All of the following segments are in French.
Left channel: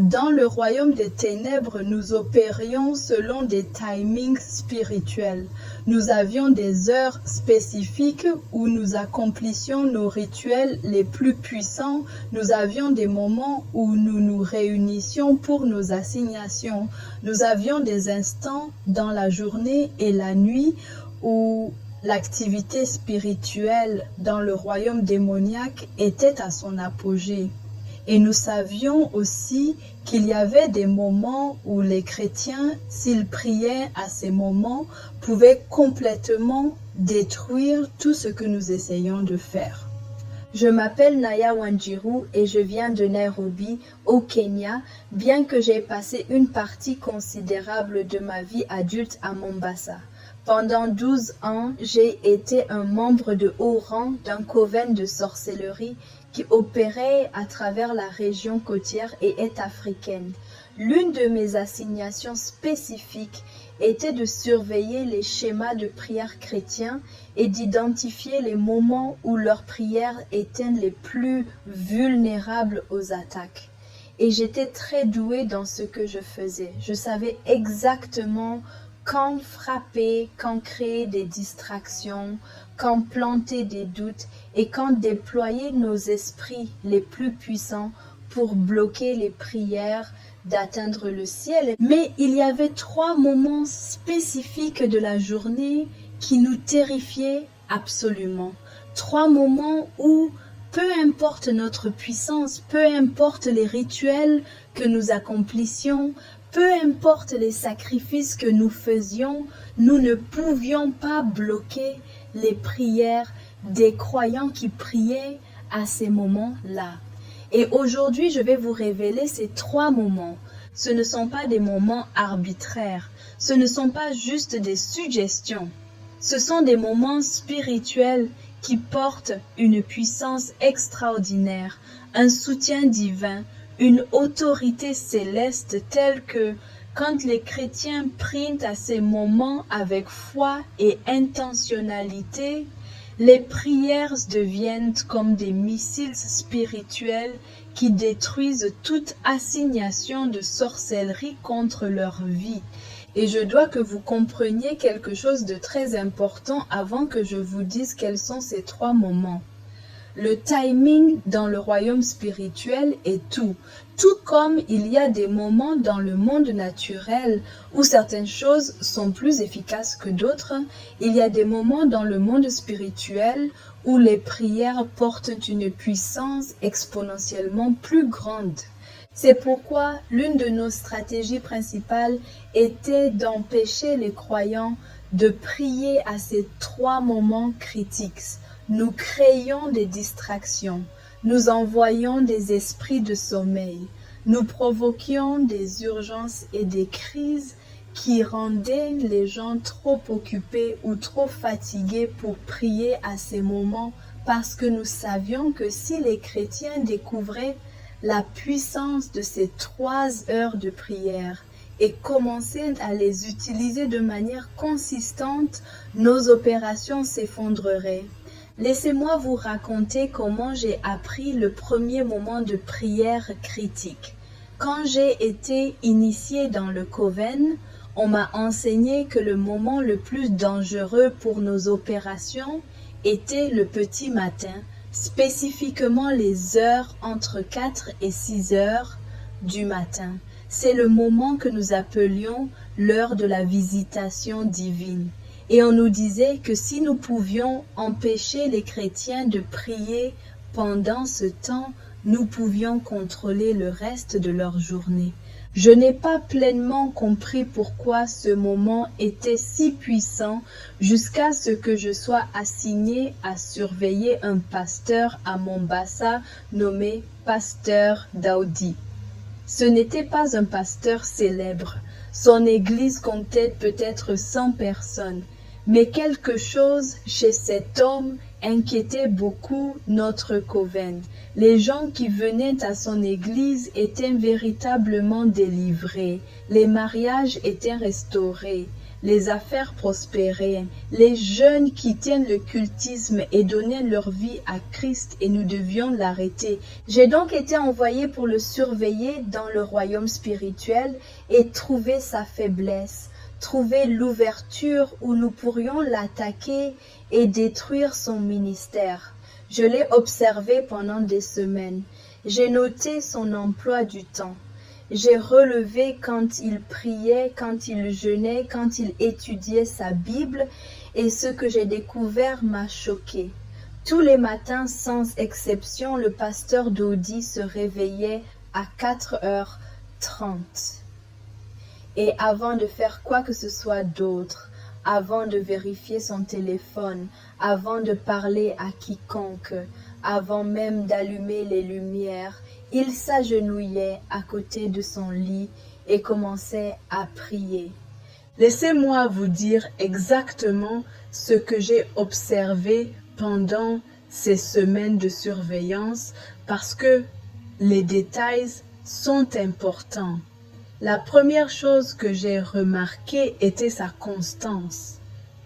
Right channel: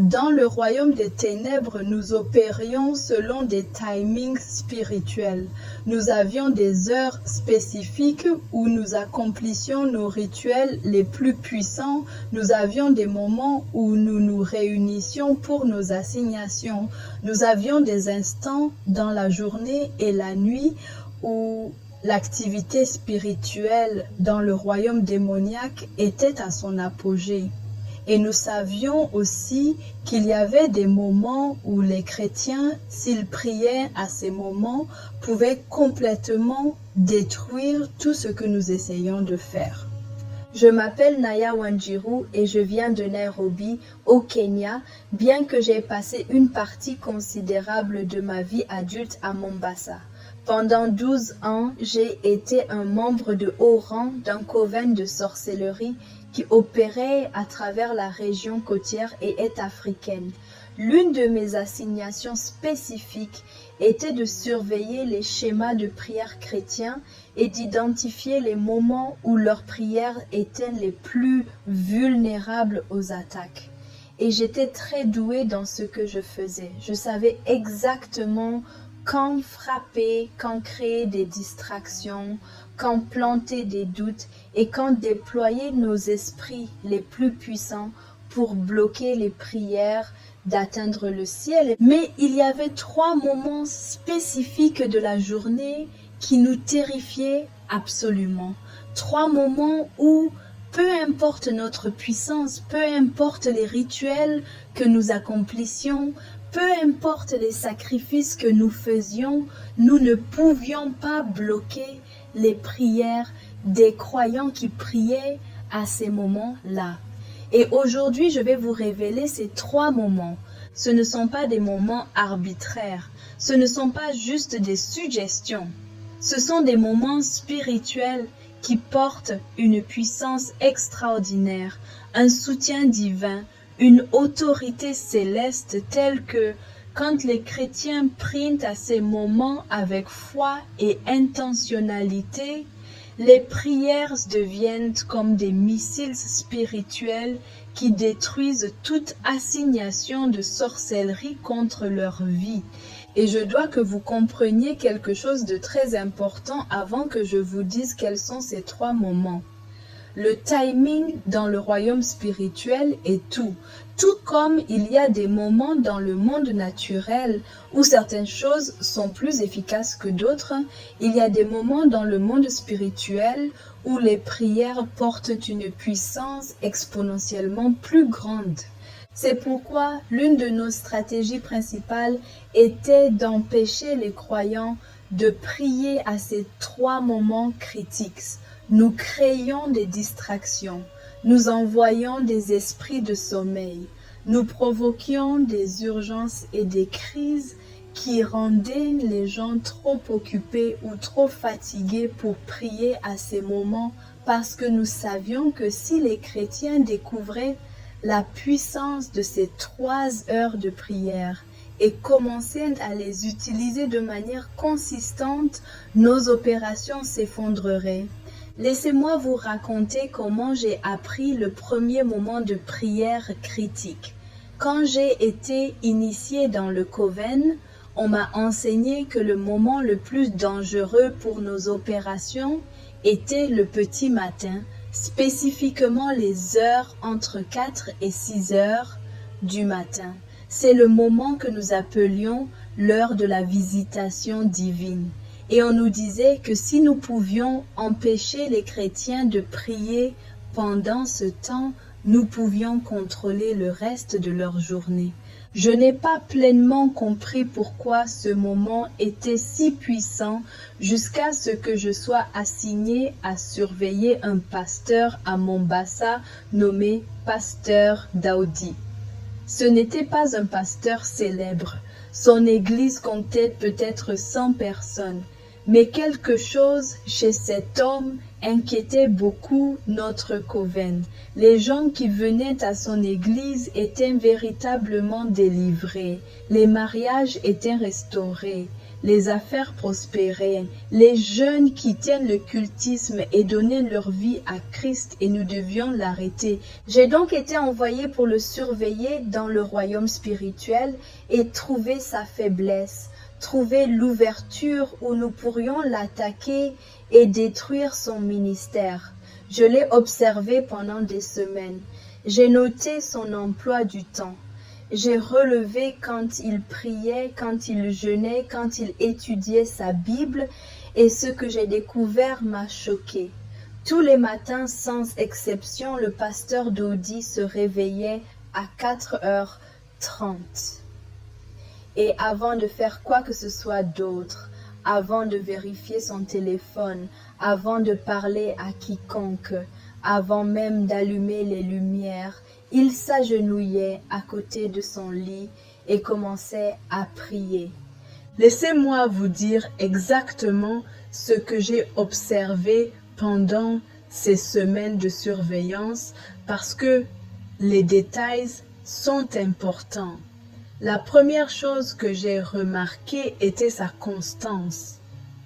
Dans le royaume des ténèbres, nous opérions selon des timings spirituels. Nous avions des heures spécifiques où nous accomplissions nos rituels les plus puissants. Nous avions des moments où nous nous réunissions pour nos assignations. Nous avions des instants dans la journée et la nuit où l'activité spirituelle dans le royaume démoniaque était à son apogée. Et nous savions aussi qu'il y avait des moments où les chrétiens, s'ils priaient à ces moments, pouvaient complètement détruire tout ce que nous essayons de faire. Je m'appelle Naya Wanjiru et je viens de Nairobi, au Kenya, bien que j'ai passé une partie considérable de ma vie adulte à Mombasa. Pendant 12 ans, j'ai été un membre de haut rang d'un coven de sorcellerie qui opérait à travers la région côtière et est africaine. L'une de mes assignations spécifiques était de surveiller les schémas de prière chrétiens et d'identifier les moments où leurs prières étaient les plus vulnérables aux attaques. Et j'étais très douée dans ce que je faisais. Je savais exactement quand frapper, quand créer des distractions, quand planter des doutes et quand déployer nos esprits les plus puissants pour bloquer les prières d'atteindre le ciel. Mais il y avait 3 moments spécifiques de la journée qui nous terrifiaient absolument. 3 moments où, peu importe notre puissance, peu importe les rituels que nous accomplissions, peu importe les sacrifices que nous faisions, nous ne pouvions pas bloquer les prières des croyants qui priaient à ces moments-là. Et aujourd'hui, je vais vous révéler ces 3 moments. Ce ne sont pas des moments arbitraires. Ce ne sont pas juste des suggestions. Ce sont des moments spirituels qui portent une puissance extraordinaire, un soutien divin, une autorité céleste telle que quand les chrétiens prient à ces moments avec foi et intentionnalité, les prières deviennent comme des missiles spirituels qui détruisent toute assignation de sorcellerie contre leur vie. Et je dois que vous compreniez quelque chose de très important avant que je vous dise quels sont ces 3 moments. Le timing dans le royaume spirituel est tout. Tout comme il y a des moments dans le monde naturel où certaines choses sont plus efficaces que d'autres, il y a des moments dans le monde spirituel où les prières portent une puissance exponentiellement plus grande. C'est pourquoi l'une de nos stratégies principales était d'empêcher les croyants de prier à ces 3 moments critiques. Nous créions des distractions, nous envoyions des esprits de sommeil, nous provoquions des urgences et des crises qui rendaient les gens trop occupés ou trop fatigués pour prier à ces moments parce que nous savions que si les chrétiens découvraient la puissance de ces 3 heures de prière et commençaient à les utiliser de manière consistante, nos opérations s'effondreraient. Laissez-moi vous raconter comment j'ai appris le premier moment de prière critique. Quand j'ai été initiée dans le Coven, on m'a enseigné que le moment le plus dangereux pour nos opérations était le petit matin, spécifiquement les heures entre 4 et 6 heures du matin. C'est le moment que nous appelions l'heure de la visitation divine. Et on nous disait que si nous pouvions empêcher les chrétiens de prier pendant ce temps, nous pouvions contrôler le reste de leur journée. Je n'ai pas pleinement compris pourquoi ce moment était si puissant jusqu'à ce que je sois assignée à surveiller un pasteur à Mombasa nommé Pasteur Daoudi. Ce n'était pas un pasteur célèbre. Son église comptait peut-être 100 personnes. Mais quelque chose chez cet homme inquiétait beaucoup notre coven. Les gens qui venaient à son église étaient véritablement délivrés. Les mariages étaient restaurés. les affaires prospéraient, les jeunes quittaient le cultisme et donnaient leur vie à Christ et nous devions l'arrêter. J'ai donc été envoyé pour le surveiller dans le royaume spirituel et trouver sa faiblesse, trouver l'ouverture où nous pourrions l'attaquer et détruire son ministère. Je l'ai observé pendant des semaines. J'ai noté son emploi du temps. J'ai relevé quand il priait, quand il jeûnait, quand il étudiait sa Bible, et ce que j'ai découvert m'a choqué. Tous les matins, sans exception, le pasteur Dodi se réveillait à 4h30. Et avant de faire quoi que ce soit d'autre, avant de vérifier son téléphone, avant de parler à quiconque, avant même d'allumer les lumières, il s'agenouillait à côté de son lit et commençait à prier. Laissez-moi vous dire exactement ce que j'ai observé pendant ces semaines de surveillance parce que les détails sont importants. La première chose que j'ai remarquée était sa constance.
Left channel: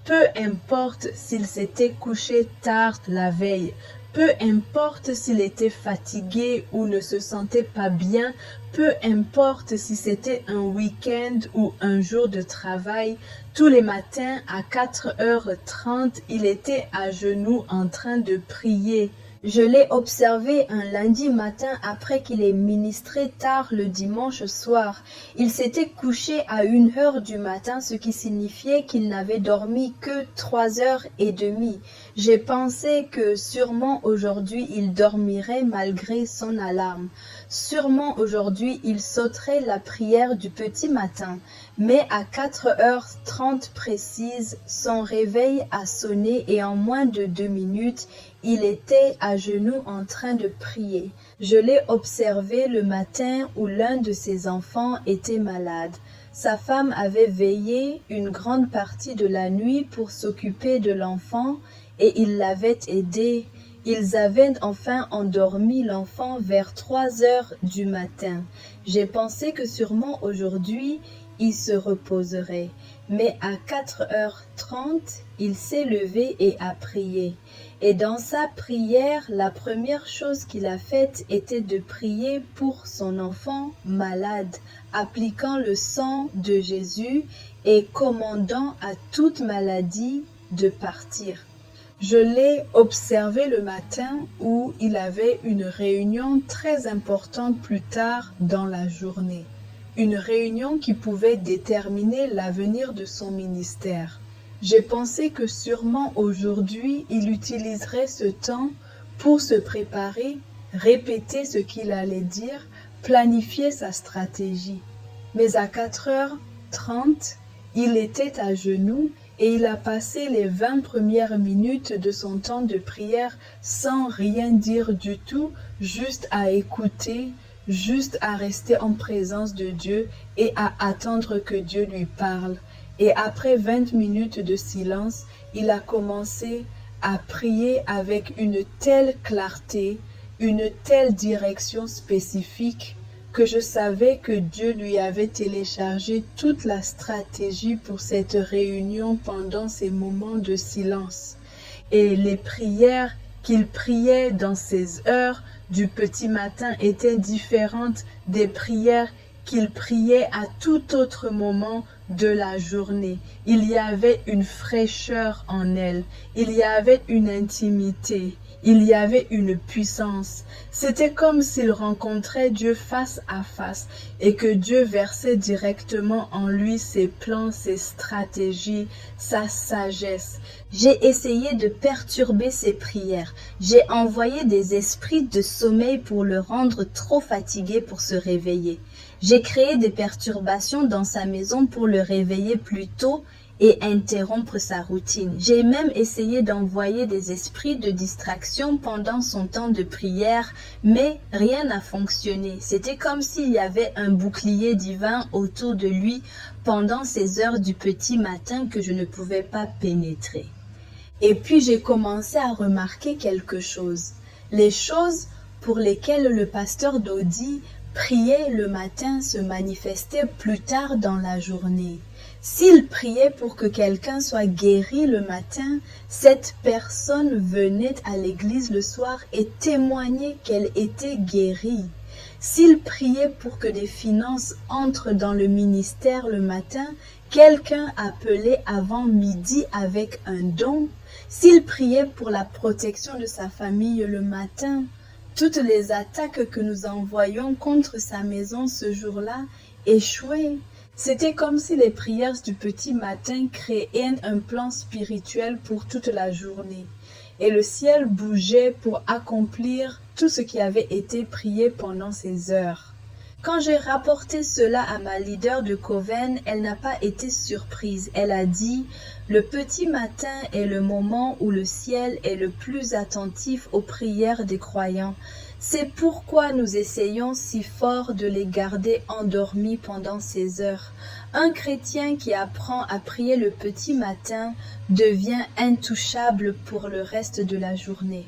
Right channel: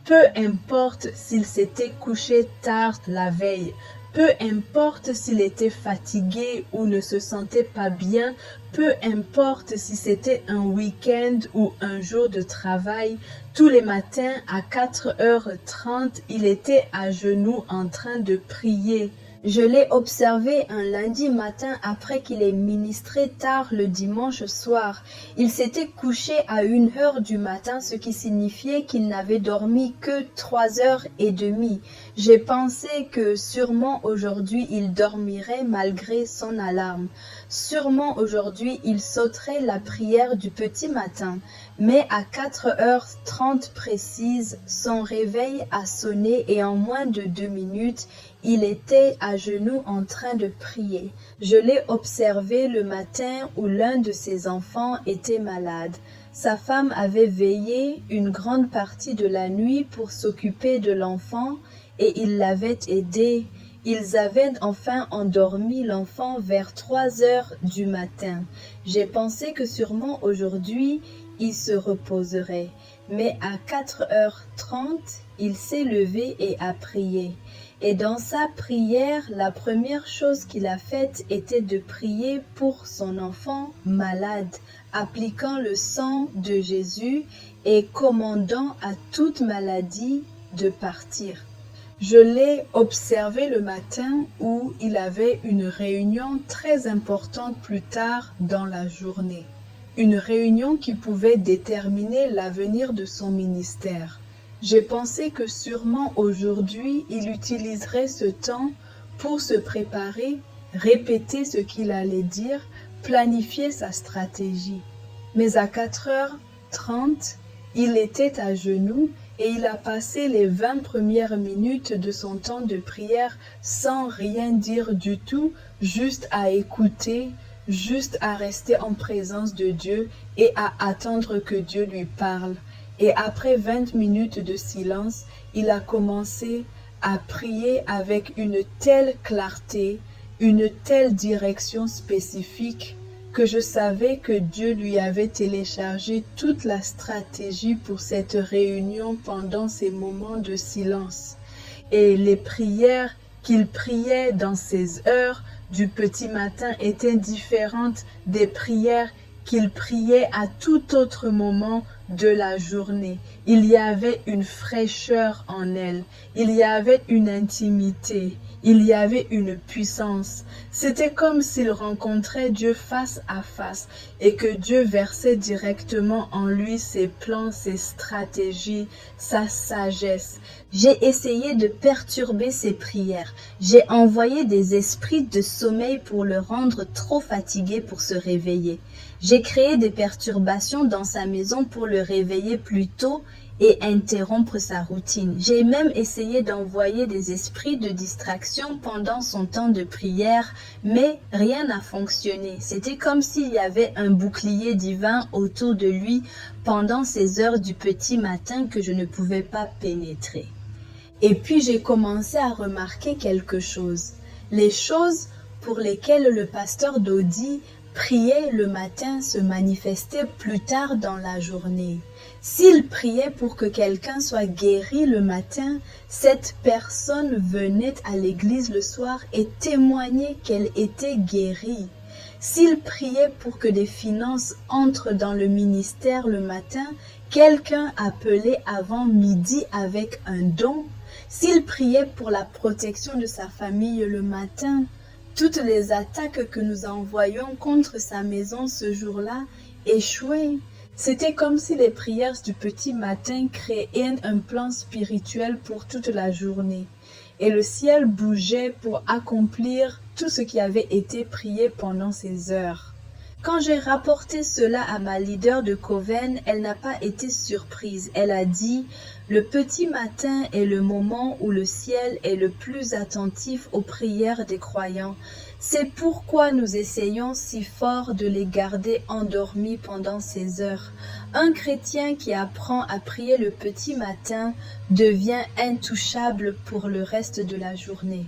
Peu importe s'il s'était couché tard la veille, peu importe s'il était fatigué ou ne se sentait pas bien, peu importe si c'était un week-end ou un jour de travail, tous les matins à 4h30, il était à genoux en train de prier. Je l'ai observé un lundi matin après qu'il ait ministré tard le dimanche soir. Il s'était couché à 1h du matin, ce qui signifiait qu'il n'avait dormi que 3h30. J'ai pensé que sûrement aujourd'hui il dormirait malgré son alarme. Sûrement aujourd'hui il sauterait la prière du petit matin. Mais à 4h30 précises, son réveil a sonné et en moins de 2 minutes, il était à genoux en train de prier. Je l'ai observé le matin où l'un de ses enfants était malade. Sa femme avait veillé une grande partie de la nuit pour s'occuper de l'enfant et il l'avait aidé. Ils avaient enfin endormi l'enfant vers 3h du matin. J'ai pensé que sûrement aujourd'hui, il se reposerait. Mais à 4h30, il s'est levé et a prié. Et dans sa prière, la première chose qu'il a faite était de prier pour son enfant malade, appliquant le sang de Jésus et commandant à toute maladie de partir. Je l'ai observé le matin où il avait une réunion très importante plus tard dans la journée. Une réunion qui pouvait déterminer l'avenir de son ministère. J'ai pensé que sûrement aujourd'hui, il utiliserait ce temps pour se préparer, répéter ce qu'il allait dire, planifier sa stratégie. Mais à 4h30, il était à genoux et il a passé les 20 premières minutes de son temps de prière sans rien dire du tout, juste à écouter, juste à rester en présence de Dieu et à attendre que Dieu lui parle. Et après 20 minutes de silence, il a commencé à prier avec une telle clarté, une telle direction spécifique que je savais que Dieu lui avait téléchargé toute la stratégie pour cette réunion pendant ces moments de silence. Et les prières qu'il priait dans ces heures du petit matin étaient différentes des prières qu'il priait à tout autre moment de la journée. Il y avait une fraîcheur en elle, il y avait une intimité, il y avait une puissance. C'était comme s'il rencontrait Dieu face à face et que Dieu versait directement en lui ses plans, ses stratégies, sa sagesse. J'ai essayé de perturber ses prières. J'ai envoyé des esprits de sommeil pour le rendre trop fatigué pour se réveiller. J'ai créé des perturbations dans sa maison pour le réveiller plus tôt et interrompre sa routine. J'ai même essayé d'envoyer des esprits de distraction pendant son temps de prière, mais rien n'a fonctionné. C'était comme s'il y avait un bouclier divin autour de lui pendant ces heures du petit matin que je ne pouvais pas pénétrer. Et puis j'ai commencé à remarquer quelque chose. Les choses pour lesquelles le pasteur Dodi priait le matin se manifestait plus tard dans la journée. S'il priait pour que quelqu'un soit guéri le matin, cette personne venait à l'église le soir et témoignait qu'elle était guérie. S'il priait pour que des finances entrent dans le ministère le matin, quelqu'un appelait avant midi avec un don. S'il priait pour la protection de sa famille le matin, toutes les attaques que nous envoyions contre sa maison ce jour-là échouaient. C'était comme si les prières du petit matin créaient un plan spirituel pour toute la journée. Et le ciel bougeait pour accomplir tout ce qui avait été prié pendant ces heures. Quand j'ai rapporté cela à ma leader de Coven, elle n'a pas été surprise. Elle a dit « Le petit matin est le moment où le ciel est le plus attentif aux prières des croyants. C'est pourquoi nous essayons si fort de les garder endormis pendant ces heures. Un chrétien qui apprend à prier le petit matin devient intouchable pour le reste de la journée. »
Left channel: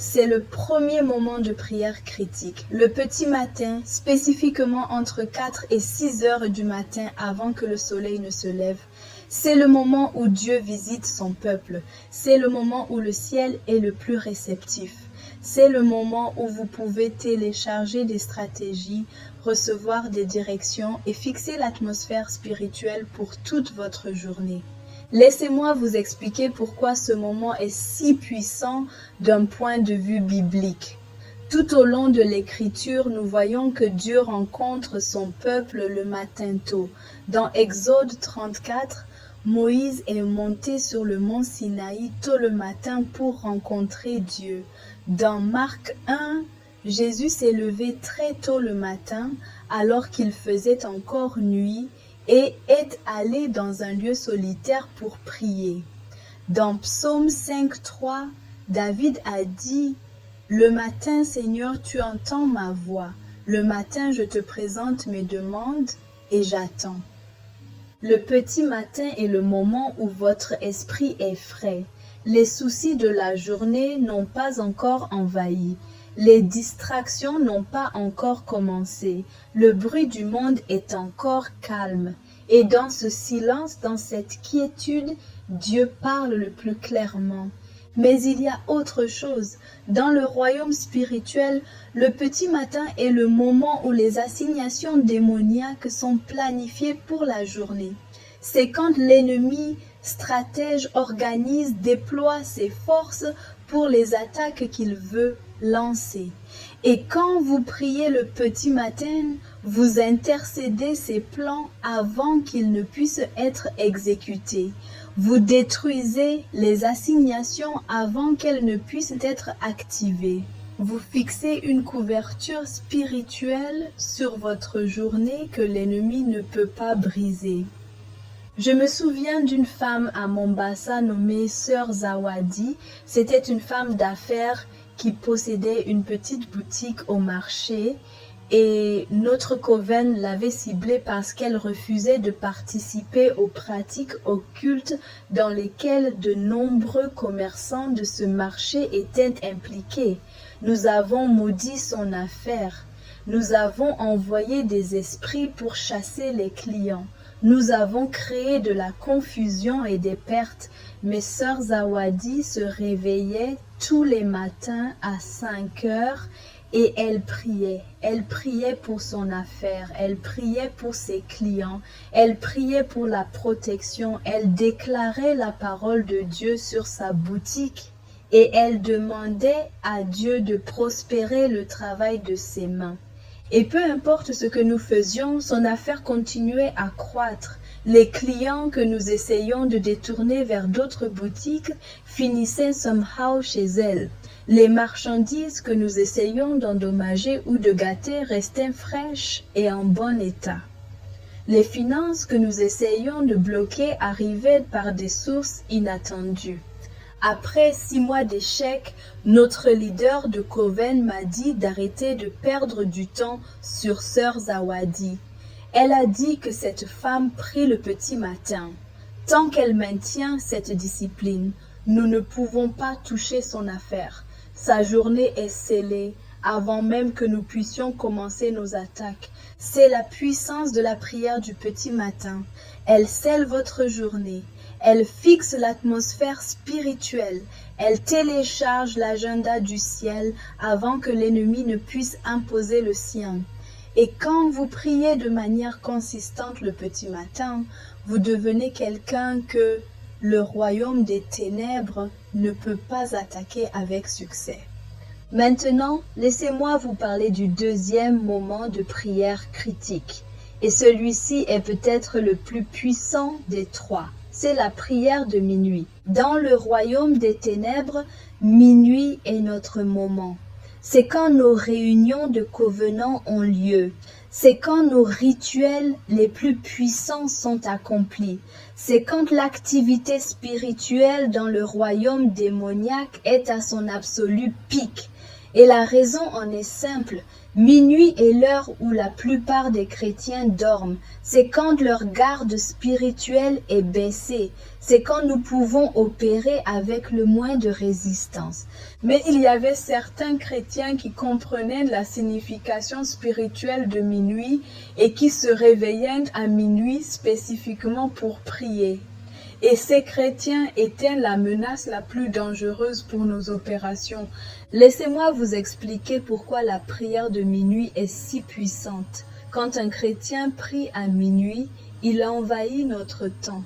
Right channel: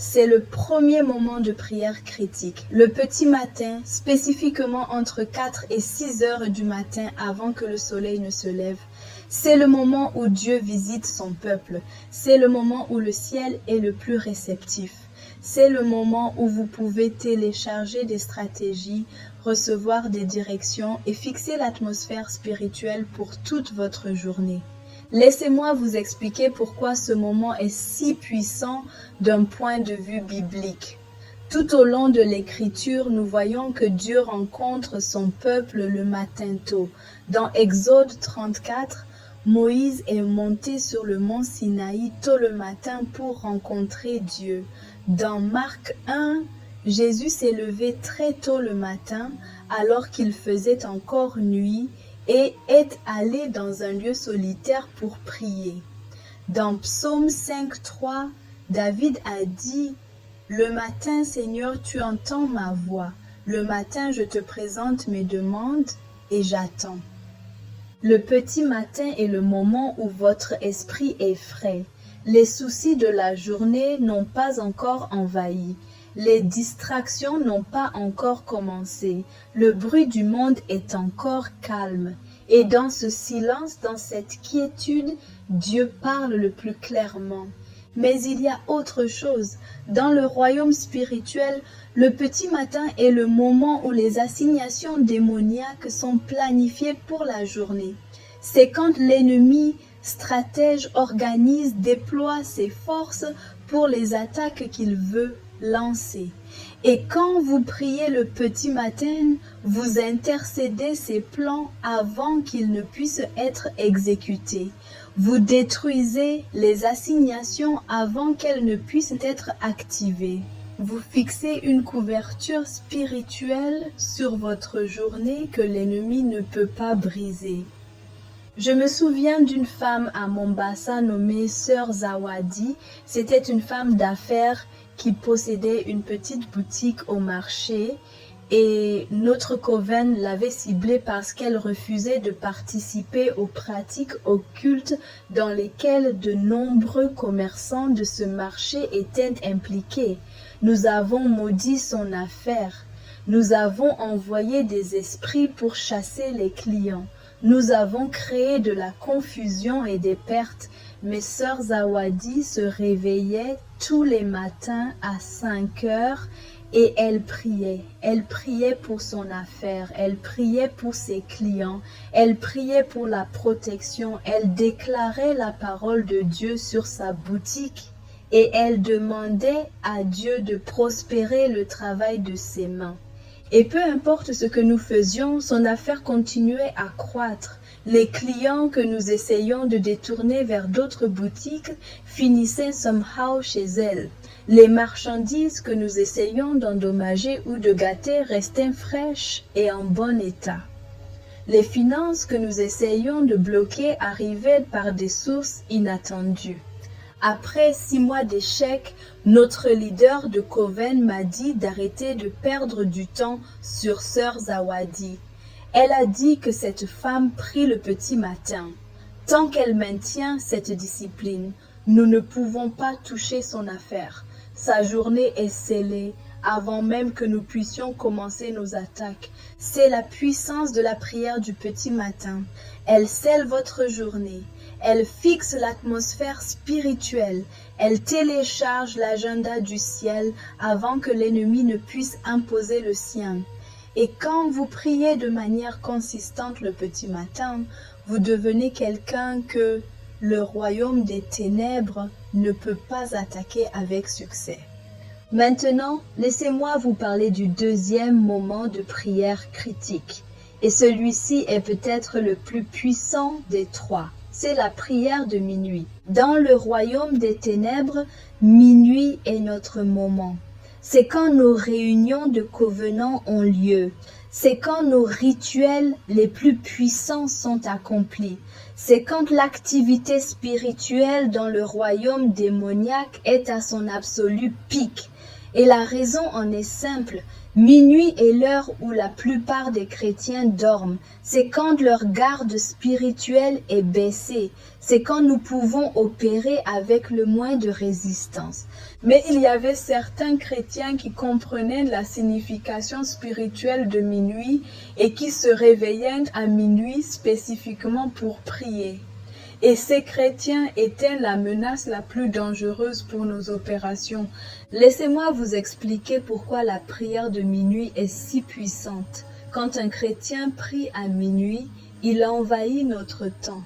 C'est le premier moment de prière critique. Le petit matin, spécifiquement entre 4 et 6 heures du matin avant que le soleil ne se lève. C'est le moment où Dieu visite son peuple. C'est le moment où le ciel est le plus réceptif. C'est le moment où vous pouvez télécharger des stratégies, recevoir des directions et fixer l'atmosphère spirituelle pour toute votre journée. Laissez-moi vous expliquer pourquoi ce moment est si puissant d'un point de vue biblique. Tout au long de l'Écriture, nous voyons que Dieu rencontre son peuple le matin tôt. Dans Exode 34, Moïse est monté sur le mont Sinaï tôt le matin pour rencontrer Dieu. Dans Marc 1, Jésus s'est levé très tôt le matin alors qu'il faisait encore nuit et est allé dans un lieu solitaire pour prier. Dans Psaume 5.3, David a dit « Le matin, Seigneur, tu entends ma voix. Le matin, je te présente mes demandes et j'attends. » Le petit matin est le moment où votre esprit est frais. Les soucis de la journée n'ont pas encore envahi. Les distractions n'ont pas encore commencé. Le bruit du monde est encore calme. Et dans ce silence, dans cette quiétude, Dieu parle le plus clairement. Mais il y a autre chose. Dans le royaume spirituel, le petit matin est le moment où les assignations démoniaques sont planifiées pour la journée. C'est quand l'ennemi stratège organise, déploie ses forces pour les attaques qu'il veut lancer. Et quand vous priez le petit matin, vous intercédez ces plans avant qu'ils ne puissent être exécutés. Vous détruisez les assignations avant qu'elles ne puissent être activées. Vous fixez une couverture spirituelle sur votre journée que l'ennemi ne peut pas briser. Je me souviens d'une femme à Mombasa nommée Sœur Zawadi. C'était une femme d'affaires qui possédait une petite boutique au marché et notre coven l'avait ciblée parce qu'elle refusait de participer aux pratiques occultes dans lesquelles de nombreux commerçants de ce marché étaient impliqués. Nous avons maudit son affaire. Nous avons envoyé des esprits pour chasser les clients. Nous avons créé de la confusion et des pertes, mais Sœur Zawadi se réveillait tous les matins à 5 heures et elle priait. Elle priait pour son affaire, elle priait pour ses clients, elle priait pour la protection, elle déclarait la parole de Dieu sur sa boutique et elle demandait à Dieu de prospérer le travail de ses mains. Et peu importe ce que nous faisions, son affaire continuait à croître. Les clients que nous essayions de détourner vers d'autres boutiques finissaient somehow chez elle. Les marchandises que nous essayions d'endommager ou de gâter restaient fraîches et en bon état. Les finances que nous essayions de bloquer arrivaient par des sources inattendues. Après 6 mois d'échec, notre leader de Coven m'a dit d'arrêter de perdre du temps sur Sœur Zawadi. Elle a dit que cette femme prie le petit matin. Tant qu'elle maintient cette discipline, nous ne pouvons pas toucher son affaire. Sa journée est scellée. avant même que nous puissions commencer nos attaques. C'est la puissance de la prière du petit matin. Elle scelle votre journée. Elle fixe l'atmosphère spirituelle. Elle télécharge l'agenda du ciel avant que l'ennemi ne puisse imposer le sien. Et quand vous priez de manière consistante le petit matin, vous devenez quelqu'un que le royaume des ténèbres ne peut pas attaquer avec succès. Maintenant, laissez-moi vous parler du deuxième moment de prière critique. Et celui-ci est peut-être le plus puissant des trois. C'est la prière de minuit. Dans le royaume des ténèbres, minuit est notre moment. C'est quand nos réunions de covenant ont lieu. C'est quand nos rituels les plus puissants sont accomplis. C'est quand l'activité spirituelle dans le royaume démoniaque est à son absolu pic. Et la raison en est simple. Minuit est l'heure où la plupart des chrétiens dorment. C'est quand leur garde spirituelle est baissée. C'est quand nous pouvons opérer avec le moins de résistance. Mais il y avait certains chrétiens qui comprenaient la signification spirituelle de minuit et qui se réveillaient à minuit spécifiquement pour prier. Et ces chrétiens étaient la menace la plus dangereuse pour nos opérations. Laissez-moi vous expliquer pourquoi la prière de minuit est si puissante. Quand un chrétien prie à minuit, il envahit notre temps.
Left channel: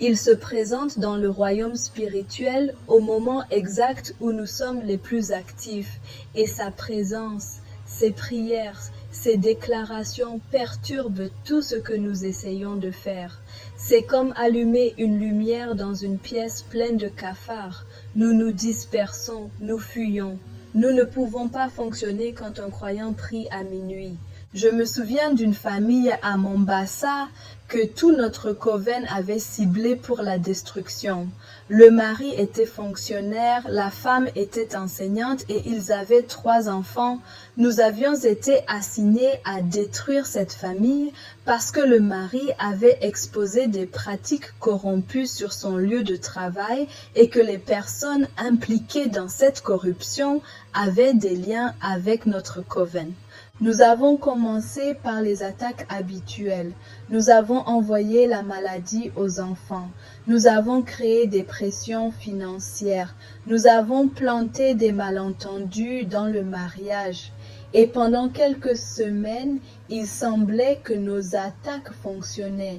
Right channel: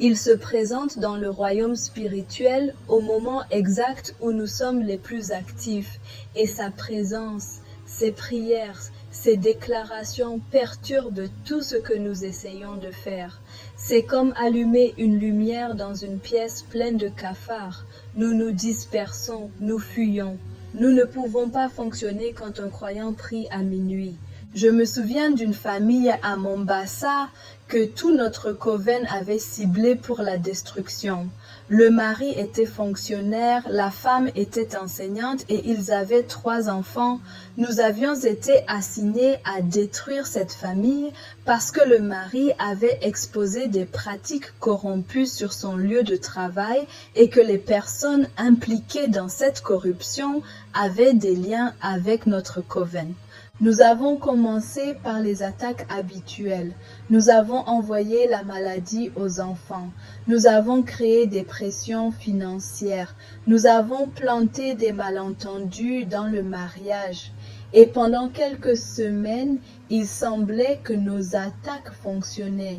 Il se présente dans le royaume spirituel au moment exact où nous sommes les plus actifs. Et sa présence, ses prières, ses déclarations perturbent tout ce que nous essayons de faire. C'est comme allumer une lumière dans une pièce pleine de cafards. Nous nous dispersons, nous fuyons. Nous ne pouvons pas fonctionner quand un croyant prie à minuit. Je me souviens d'une famille à Mombasa que tout notre coven avait ciblé pour la destruction. Le mari était fonctionnaire, la femme était enseignante et ils avaient 3 enfants. Nous avions été assignés à détruire cette famille parce que le mari avait exposé des pratiques corrompues sur son lieu de travail et que les personnes impliquées dans cette corruption avaient des liens avec notre coven. Nous avons commencé par les attaques habituelles. Nous avons envoyé la maladie aux enfants. Nous avons créé des pressions financières. Nous avons planté des malentendus dans le mariage. Et pendant quelques semaines, il semblait que nos attaques fonctionnaient.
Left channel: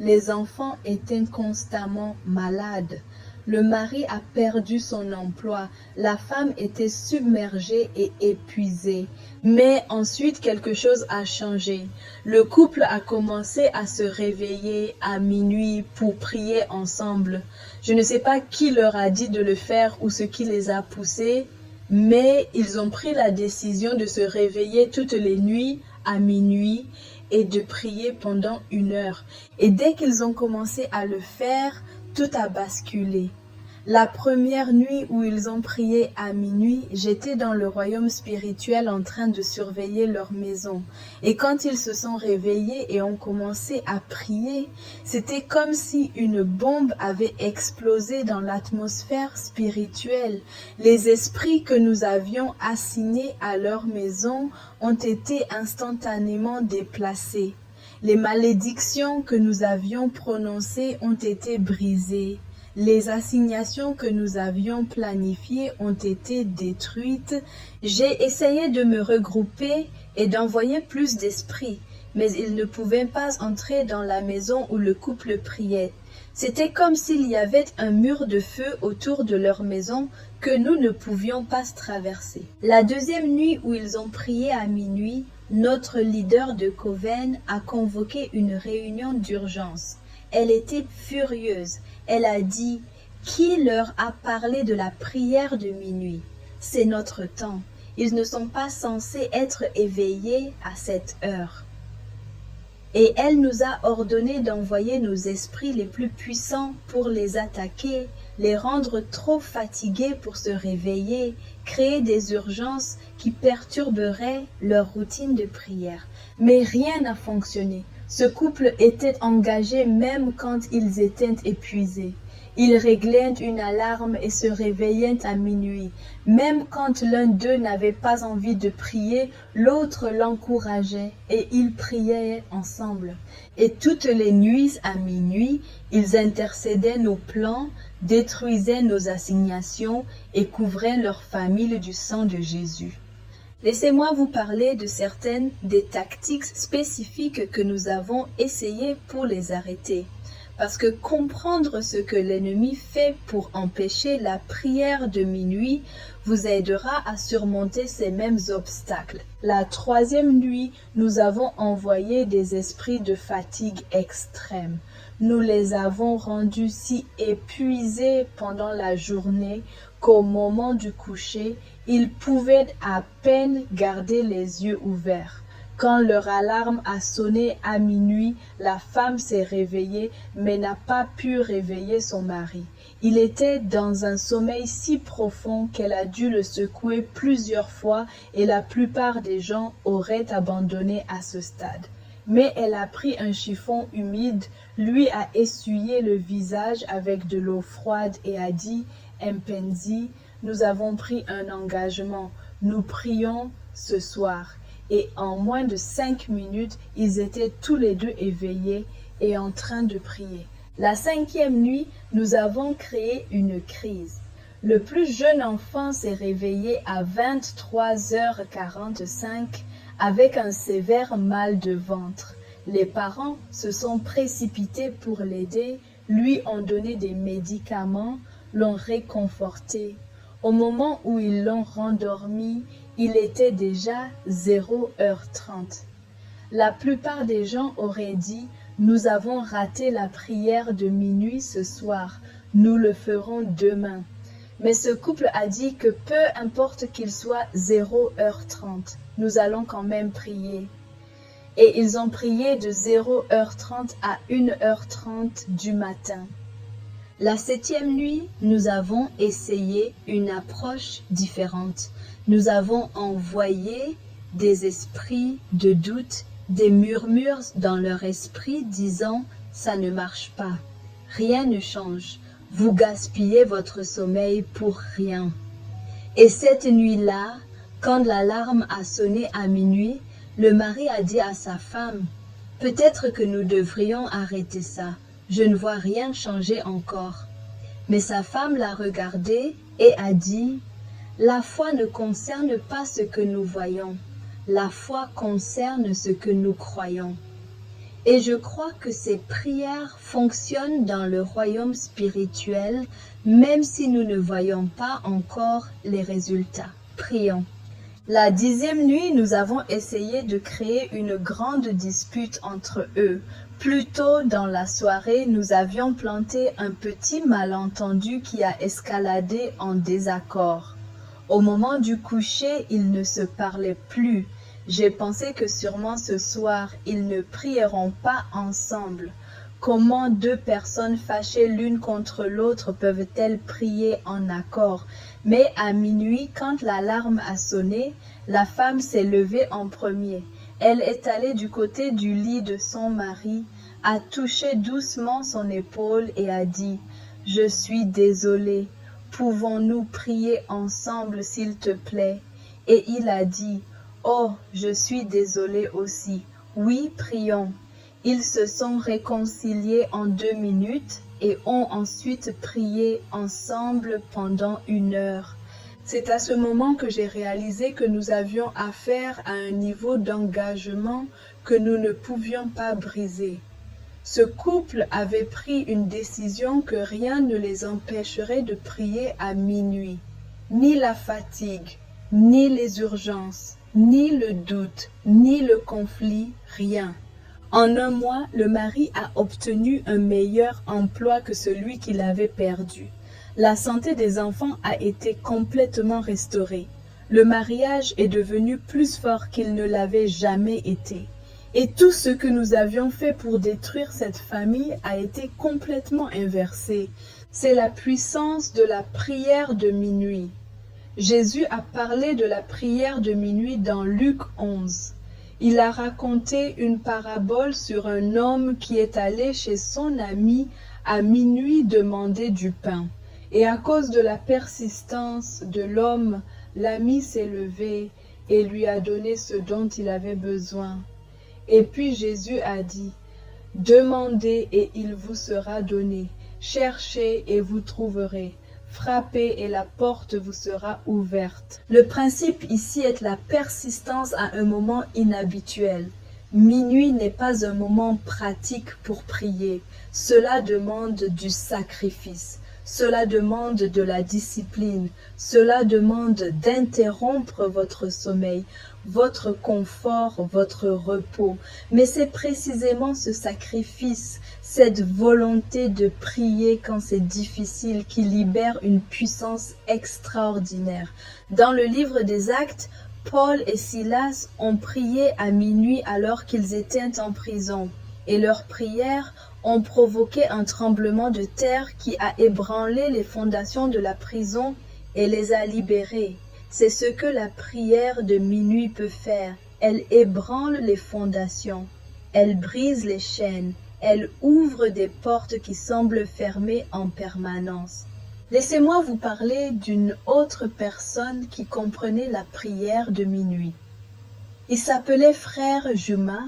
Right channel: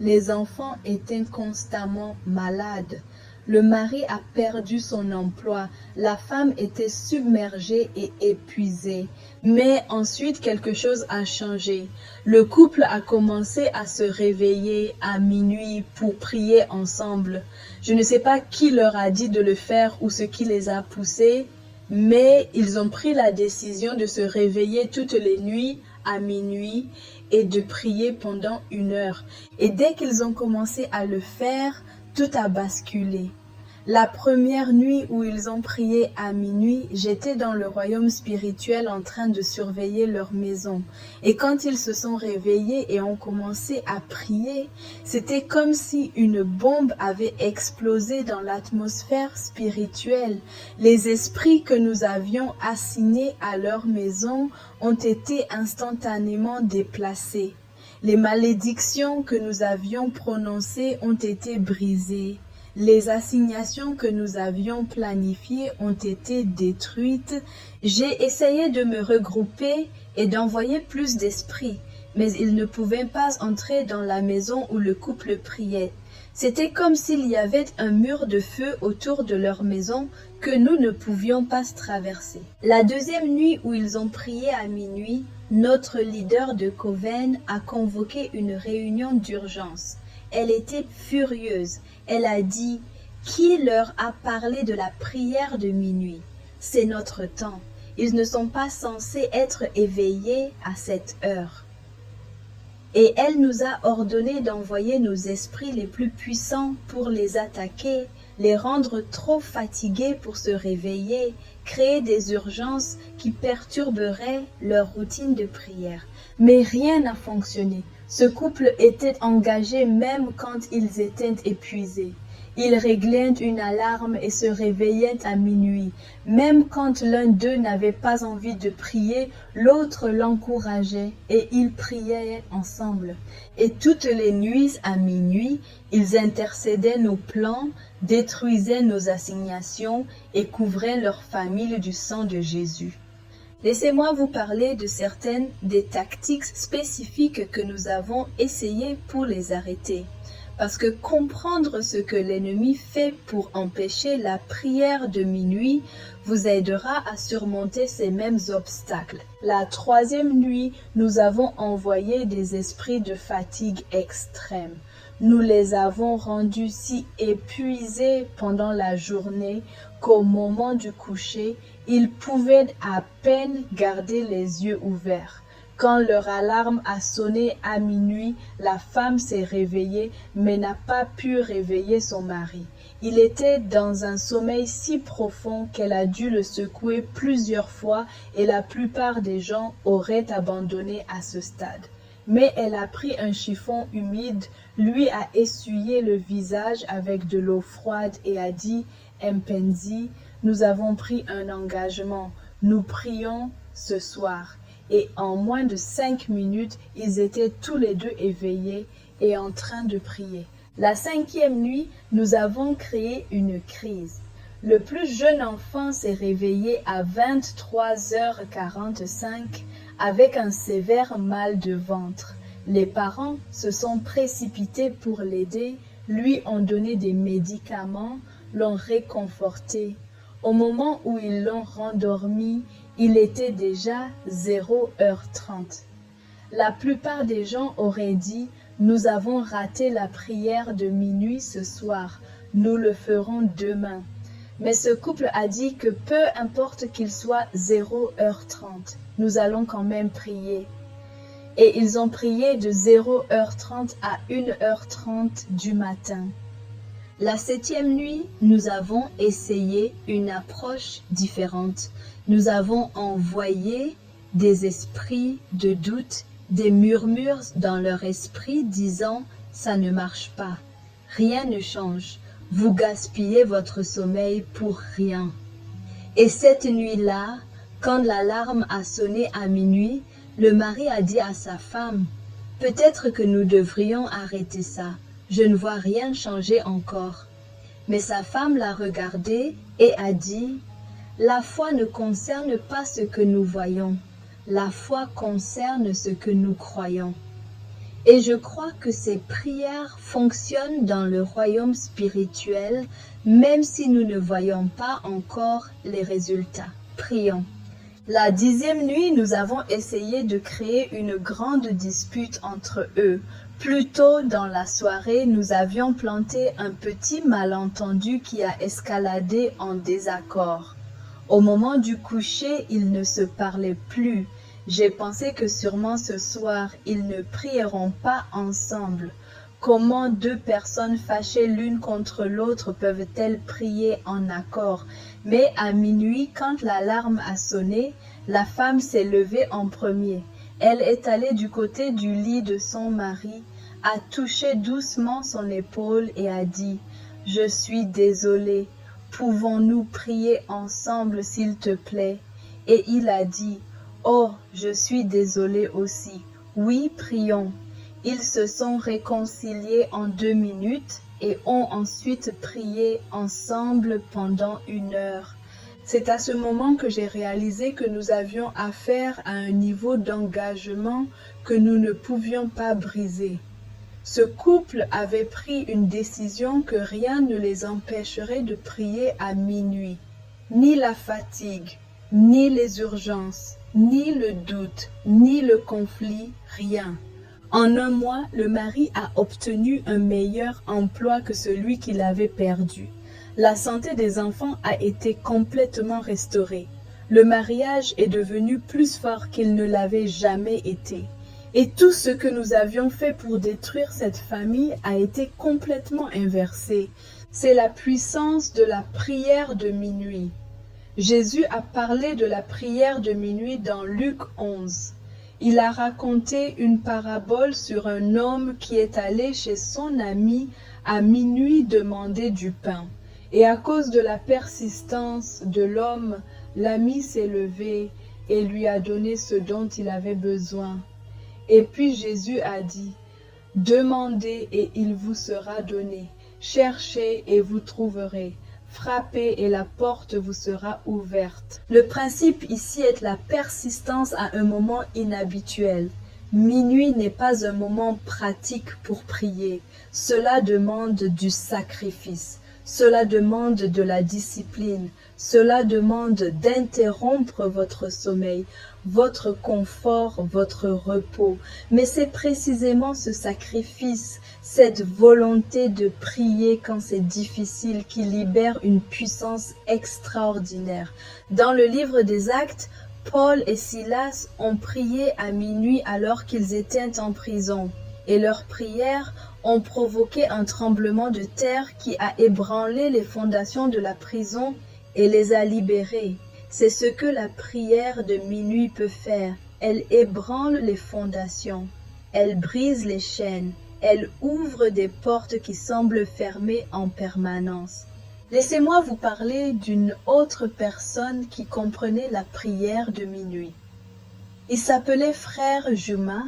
Les enfants étaient constamment malades. Le mari a perdu son emploi. La femme était submergée et épuisée. Mais ensuite, quelque chose a changé. Le couple a commencé à se réveiller à minuit pour prier ensemble. Je ne sais pas qui leur a dit de le faire ou ce qui les a poussés, mais ils ont pris la décision de se réveiller toutes les nuits à minuit et de prier pendant 1 heure. Et dès qu'ils ont commencé à le faire, tout a basculé. La première nuit où ils ont prié à minuit, j'étais dans le royaume spirituel en train de surveiller leur maison. Et quand ils se sont réveillés et ont commencé à prier, c'était comme si une bombe avait explosé dans l'atmosphère spirituelle. Les esprits que nous avions assignés à leur maison ont été instantanément déplacés. Les malédictions que nous avions prononcées ont été brisées. Les assignations que nous avions planifiées ont été détruites. J'ai essayé de me regrouper et d'envoyer plus d'esprits, mais ils ne pouvaient pas entrer dans la maison où le couple priait. C'était comme s'il y avait un mur de feu autour de leur maison que nous ne pouvions pas traverser. La deuxième nuit où ils ont prié à minuit, notre leader de Coven a convoqué une réunion d'urgence. Elle était furieuse. Elle a dit « Qui leur a parlé de la prière de minuit? C'est notre temps. Ils ne sont pas censés être éveillés à cette heure. » Et elle nous a ordonné d'envoyer nos esprits les plus puissants pour les attaquer, les rendre trop fatigués pour se réveiller, créer des urgences qui perturberaient leur routine de prière. Mais rien n'a fonctionné. Ce couple était engagé même quand ils étaient épuisés. Ils réglaient une alarme et se réveillaient à minuit. Même quand l'un d'eux n'avait pas envie de prier, l'autre l'encourageait et ils priaient ensemble. Et toutes les nuits à minuit, ils intercédaient nos plans, détruisaient nos assignations et couvraient leur famille du sang de Jésus. Laissez-moi vous parler de certaines des tactiques spécifiques que nous avons essayées pour les arrêter. Parce que comprendre ce que l'ennemi fait pour empêcher la prière de minuit vous aidera à surmonter ces mêmes obstacles. La troisième nuit, nous avons envoyé des esprits de fatigue extrême. Nous les avons rendus si épuisés pendant la journée qu'au moment du coucher, ils pouvaient à peine garder les yeux ouverts. Quand leur alarme a sonné à minuit, la femme s'est réveillée mais n'a pas pu réveiller son mari. Il était dans un sommeil si profond qu'elle a dû le secouer plusieurs fois et la plupart des gens auraient abandonné à ce stade. Mais elle a pris un chiffon humide, lui a essuyé le visage avec de l'eau froide et a dit « Mpenzi, nous avons pris un engagement, nous prions ce soir ». Et en moins de 5 minutes, ils étaient tous les deux éveillés et en train de prier. La cinquième nuit, nous avons créé une crise. Le plus jeune enfant s'est réveillé à 23h45 avec un sévère mal de ventre. Les parents se sont précipités pour l'aider, lui ont donné des médicaments, l'ont réconforté. Au moment où ils l'ont rendormi, il était déjà 0h30. La plupart des gens auraient dit « Nous avons raté la prière de minuit ce soir, nous le ferons demain ». Mais ce couple a dit que peu importe qu'il soit 0h30, nous allons quand même prier. Et ils ont prié de 0h30 à 1h30 du matin. La septième nuit, nous avons essayé une approche différente. Nous avons envoyé des esprits de doute, des murmures dans leur esprit disant « ça ne marche pas, rien ne change, vous gaspillez votre sommeil pour rien ». Et cette nuit-là, quand l'alarme a sonné à minuit, le mari a dit à sa femme « peut-être que nous devrions arrêter ça, je ne vois rien changer encore ». Mais sa femme l'a regardé et a dit « la foi ne concerne pas ce que nous voyons, la foi concerne ce que nous croyons ». Et je crois que ces prières fonctionnent dans le royaume spirituel, même si nous ne voyons pas encore les résultats. Prions. La 10e nuit, nous avons essayé de créer une grande dispute entre eux. Plus tôt dans la soirée, nous avions planté un petit malentendu qui a escaladé en désaccord. Au moment du coucher, ils ne se parlaient plus. J'ai pensé que sûrement ce soir, ils ne prieront pas ensemble. Comment deux personnes fâchées l'une contre l'autre peuvent-elles prier en accord? Mais à minuit, quand l'alarme a sonné, la femme s'est levée en premier. Elle est allée du côté du lit de son mari, a touché doucement son épaule et a dit « Je suis désolée, pouvons-nous prier ensemble s'il te plaît ?» Et il a dit « Oh, je suis désolée aussi, oui, prions. » Ils se sont réconciliés en 2 minutes et ont ensuite prié ensemble pendant 1 heure. C'est à ce moment que j'ai réalisé que nous avions affaire à un niveau d'engagement que nous ne pouvions pas briser. Ce couple avait pris une décision que rien ne les empêcherait de prier à minuit. Ni la fatigue, ni les urgences, ni le doute, ni le conflit, rien. En 1 mois, le mari a obtenu un meilleur emploi que celui qu'il avait perdu. La santé des enfants a été complètement restaurée. Le mariage est devenu plus fort qu'il ne l'avait jamais été. Et tout ce que nous avions fait pour détruire cette famille a été complètement inversé. C'est la puissance de la prière de minuit. Jésus a parlé de la prière de minuit dans Luc 11. Il a raconté une parabole sur un homme qui est allé chez son ami À minuit demandait du pain. Et à cause de la persistance de l'homme, l'ami s'est levé et lui a donné ce dont il avait besoin. Et puis Jésus a dit, « Demandez et il vous sera donné. Cherchez et vous trouverez. Frappez et la porte vous sera ouverte. » Le principe ici est la persistance à un moment inhabituel. Minuit n'est pas un moment pratique pour prier. Cela demande du sacrifice. Cela demande de la discipline. Cela demande d'interrompre votre sommeil, votre confort, votre repos. Mais c'est précisément ce sacrifice, cette volonté de prier quand c'est difficile qui libère une puissance extraordinaire. Dans le livre des Actes, Paul et Silas ont prié à minuit alors qu'ils étaient en prison, et leurs prières ont provoqué un tremblement de terre qui a ébranlé les fondations de la prison et les a libérés. C'est ce que la prière de minuit peut faire. Elle ébranle les fondations, elle brise les chaînes, elle ouvre des portes qui semblent fermées en permanence. Laissez-moi vous parler d'une autre personne qui comprenait la prière de minuit. Il s'appelait Frère Juma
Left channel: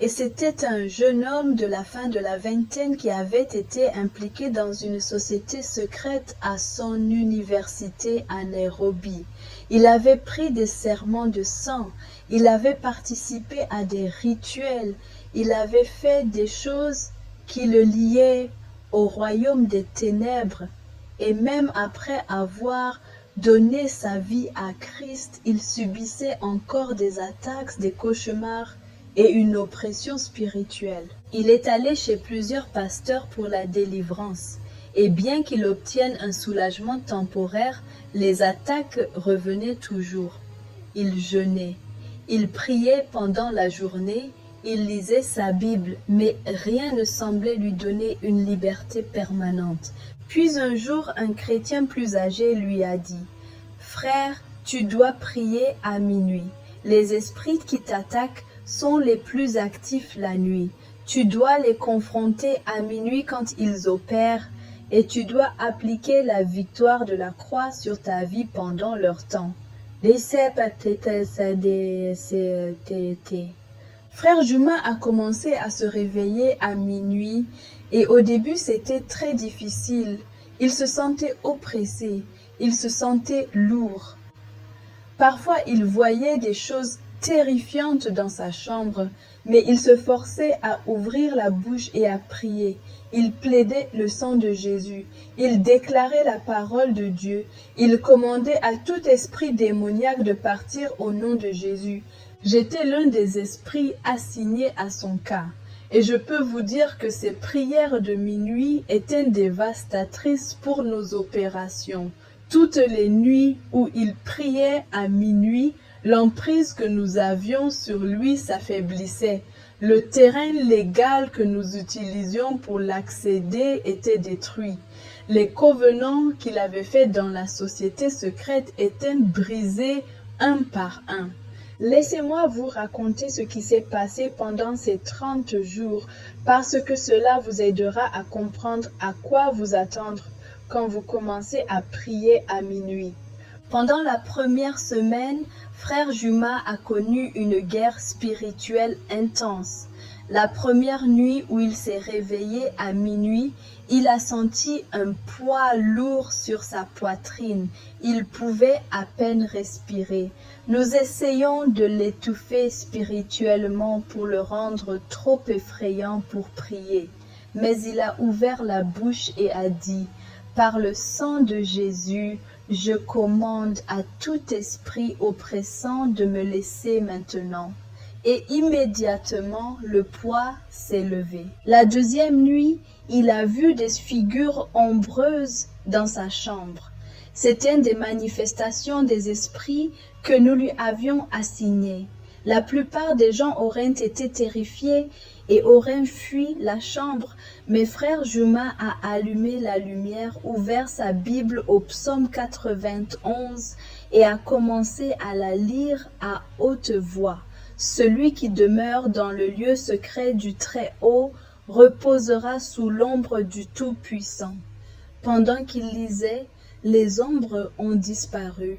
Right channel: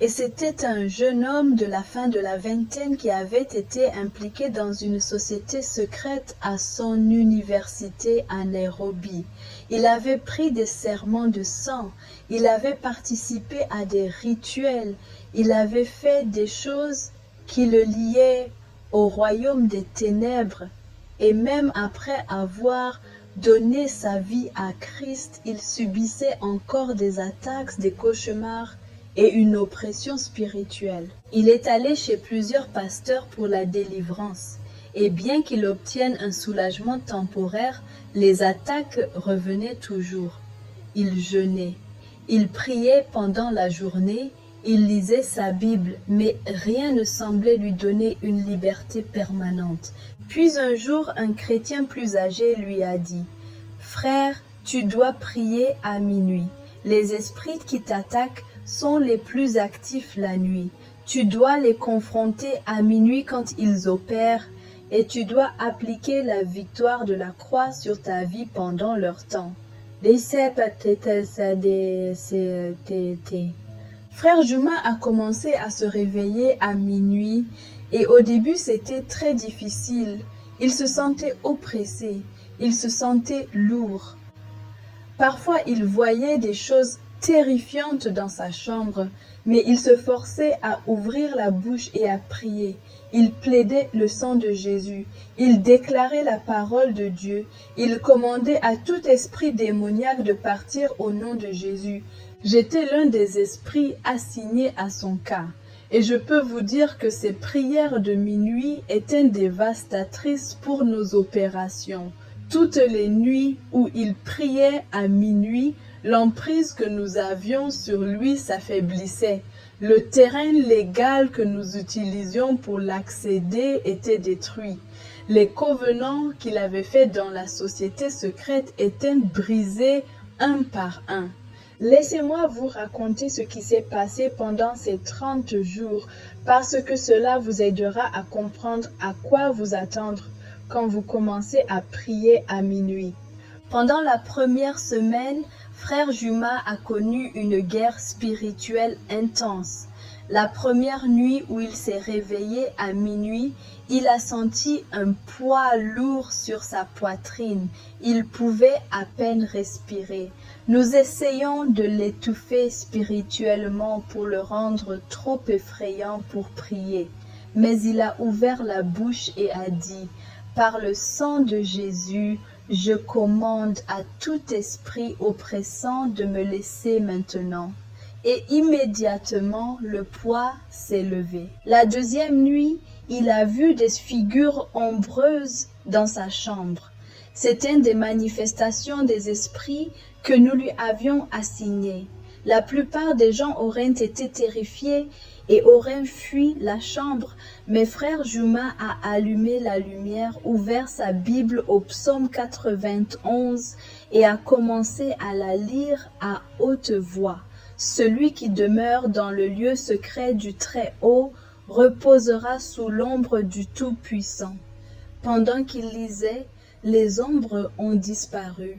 et c'était un jeune homme de la fin de la vingtaine qui avait été impliqué dans une société secrète à son université à Nairobi. Il avait pris des serments de sang, il avait participé à des rituels, il avait fait des choses qui le liaient au royaume des ténèbres. Et même après avoir donné sa vie à Christ, il subissait encore des attaques, des cauchemars et une oppression spirituelle. Il est allé chez plusieurs pasteurs pour la délivrance. Et bien qu'il obtienne un soulagement temporaire, les attaques revenaient toujours. Il jeûnait, il priait pendant la journée, il lisait sa Bible, mais rien ne semblait lui donner une liberté permanente. Puis un jour, un chrétien plus âgé lui a dit, « Frère, tu dois prier à minuit. Les esprits qui t'attaquent sont les plus actifs la nuit. Tu dois les confronter à minuit quand ils opèrent et tu dois appliquer la victoire de la croix sur ta vie pendant leur temps. » Frère Juma a commencé à se réveiller à minuit et au début c'était très difficile. Il se sentait oppressé, il se sentait lourd. Parfois il voyait des choses terrifiantes dans sa chambre, mais il se forçait à ouvrir la bouche et à prier. Il plaidait le sang de Jésus, il déclarait la parole de Dieu, il commandait à tout esprit démoniaque de partir au nom de Jésus. J'étais l'un des esprits assignés à son cas, et je peux vous dire que ces prières de minuit étaient dévastatrices pour nos opérations. Toutes les nuits où il priait à minuit, l'emprise que nous avions sur lui s'affaiblissait. Le terrain légal que nous utilisions pour l'accéder était détruit. Les covenants qu'il avait faits dans la société secrète étaient brisés un par un. Laissez-moi vous raconter ce qui s'est passé pendant ces 30 jours, parce que cela vous aidera à comprendre à quoi vous attendre quand vous commencez à prier à minuit. Pendant la première semaine, Frère Juma a connu une guerre spirituelle intense. La première nuit où il s'est réveillé à minuit, il a senti un poids lourd sur sa poitrine. Il pouvait à peine respirer. Nous essayons de l'étouffer spirituellement pour le rendre trop effrayant pour prier. Mais il a ouvert la bouche et a dit, « Par le sang de Jésus, je commande à tout esprit oppressant de me laisser maintenant. » Et immédiatement, le poids s'est levé. La deuxième nuit, il a vu des figures ombreuses dans sa chambre. C'étaient des manifestations des esprits que nous lui avions assignées. La plupart des gens auraient été terrifiés et auraient fui la chambre, mais Frère Juma a allumé la lumière, ouvert sa Bible au psaume 91 et a commencé à la lire à haute voix. Celui qui demeure dans le lieu secret du Très-Haut reposera sous l'ombre du Tout-Puissant. Pendant qu'il lisait, les ombres ont disparu.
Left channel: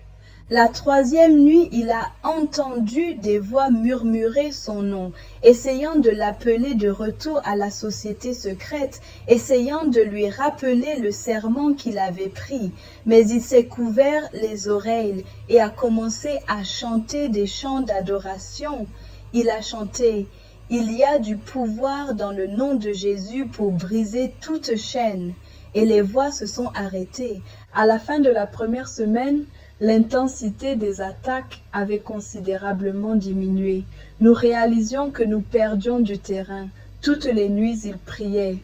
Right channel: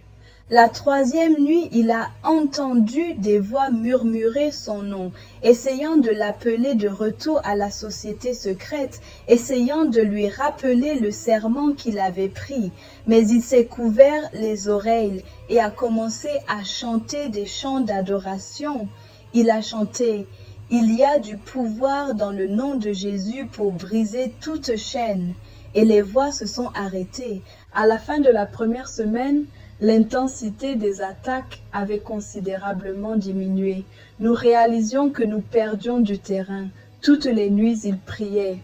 La troisième nuit, il a entendu des voix murmurer son nom, essayant de l'appeler de retour à la société secrète, essayant de lui rappeler le serment qu'il avait pris. Mais il s'est couvert les oreilles et a commencé à chanter des chants d'adoration. Il a chanté « Il y a du pouvoir dans le nom de Jésus pour briser toute chaîne ». Et les voix se sont arrêtées. À la fin de la première semaine, l'intensité des attaques avait considérablement diminué. Nous réalisions que nous perdions du terrain. Toutes les nuits, il priait.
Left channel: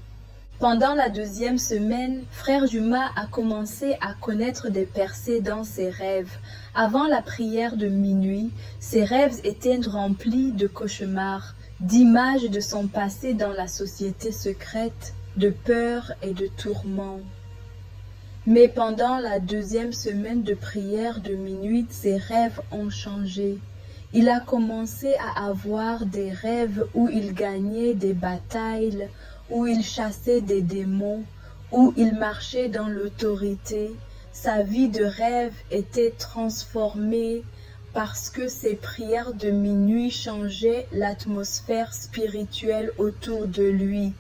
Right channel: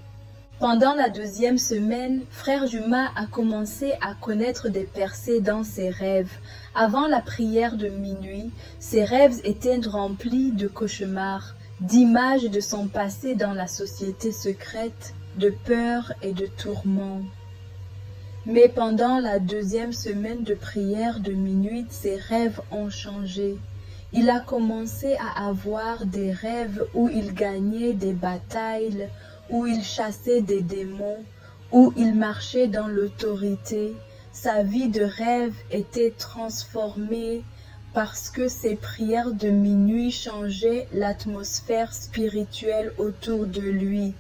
Pendant la deuxième semaine, Frère Juma a commencé à connaître des percées dans ses rêves. Avant la prière de minuit, ses rêves étaient remplis de cauchemars, d'images de son passé dans la société secrète, de peur et de tourments. Mais pendant la deuxième semaine de prière de minuit, ses rêves ont changé. Il a commencé à avoir des rêves où il gagnait des batailles, où il chassait des démons, où il marchait dans l'autorité. Sa vie de rêve était transformée parce que ses prières de minuit changeaient l'atmosphère spirituelle autour de lui.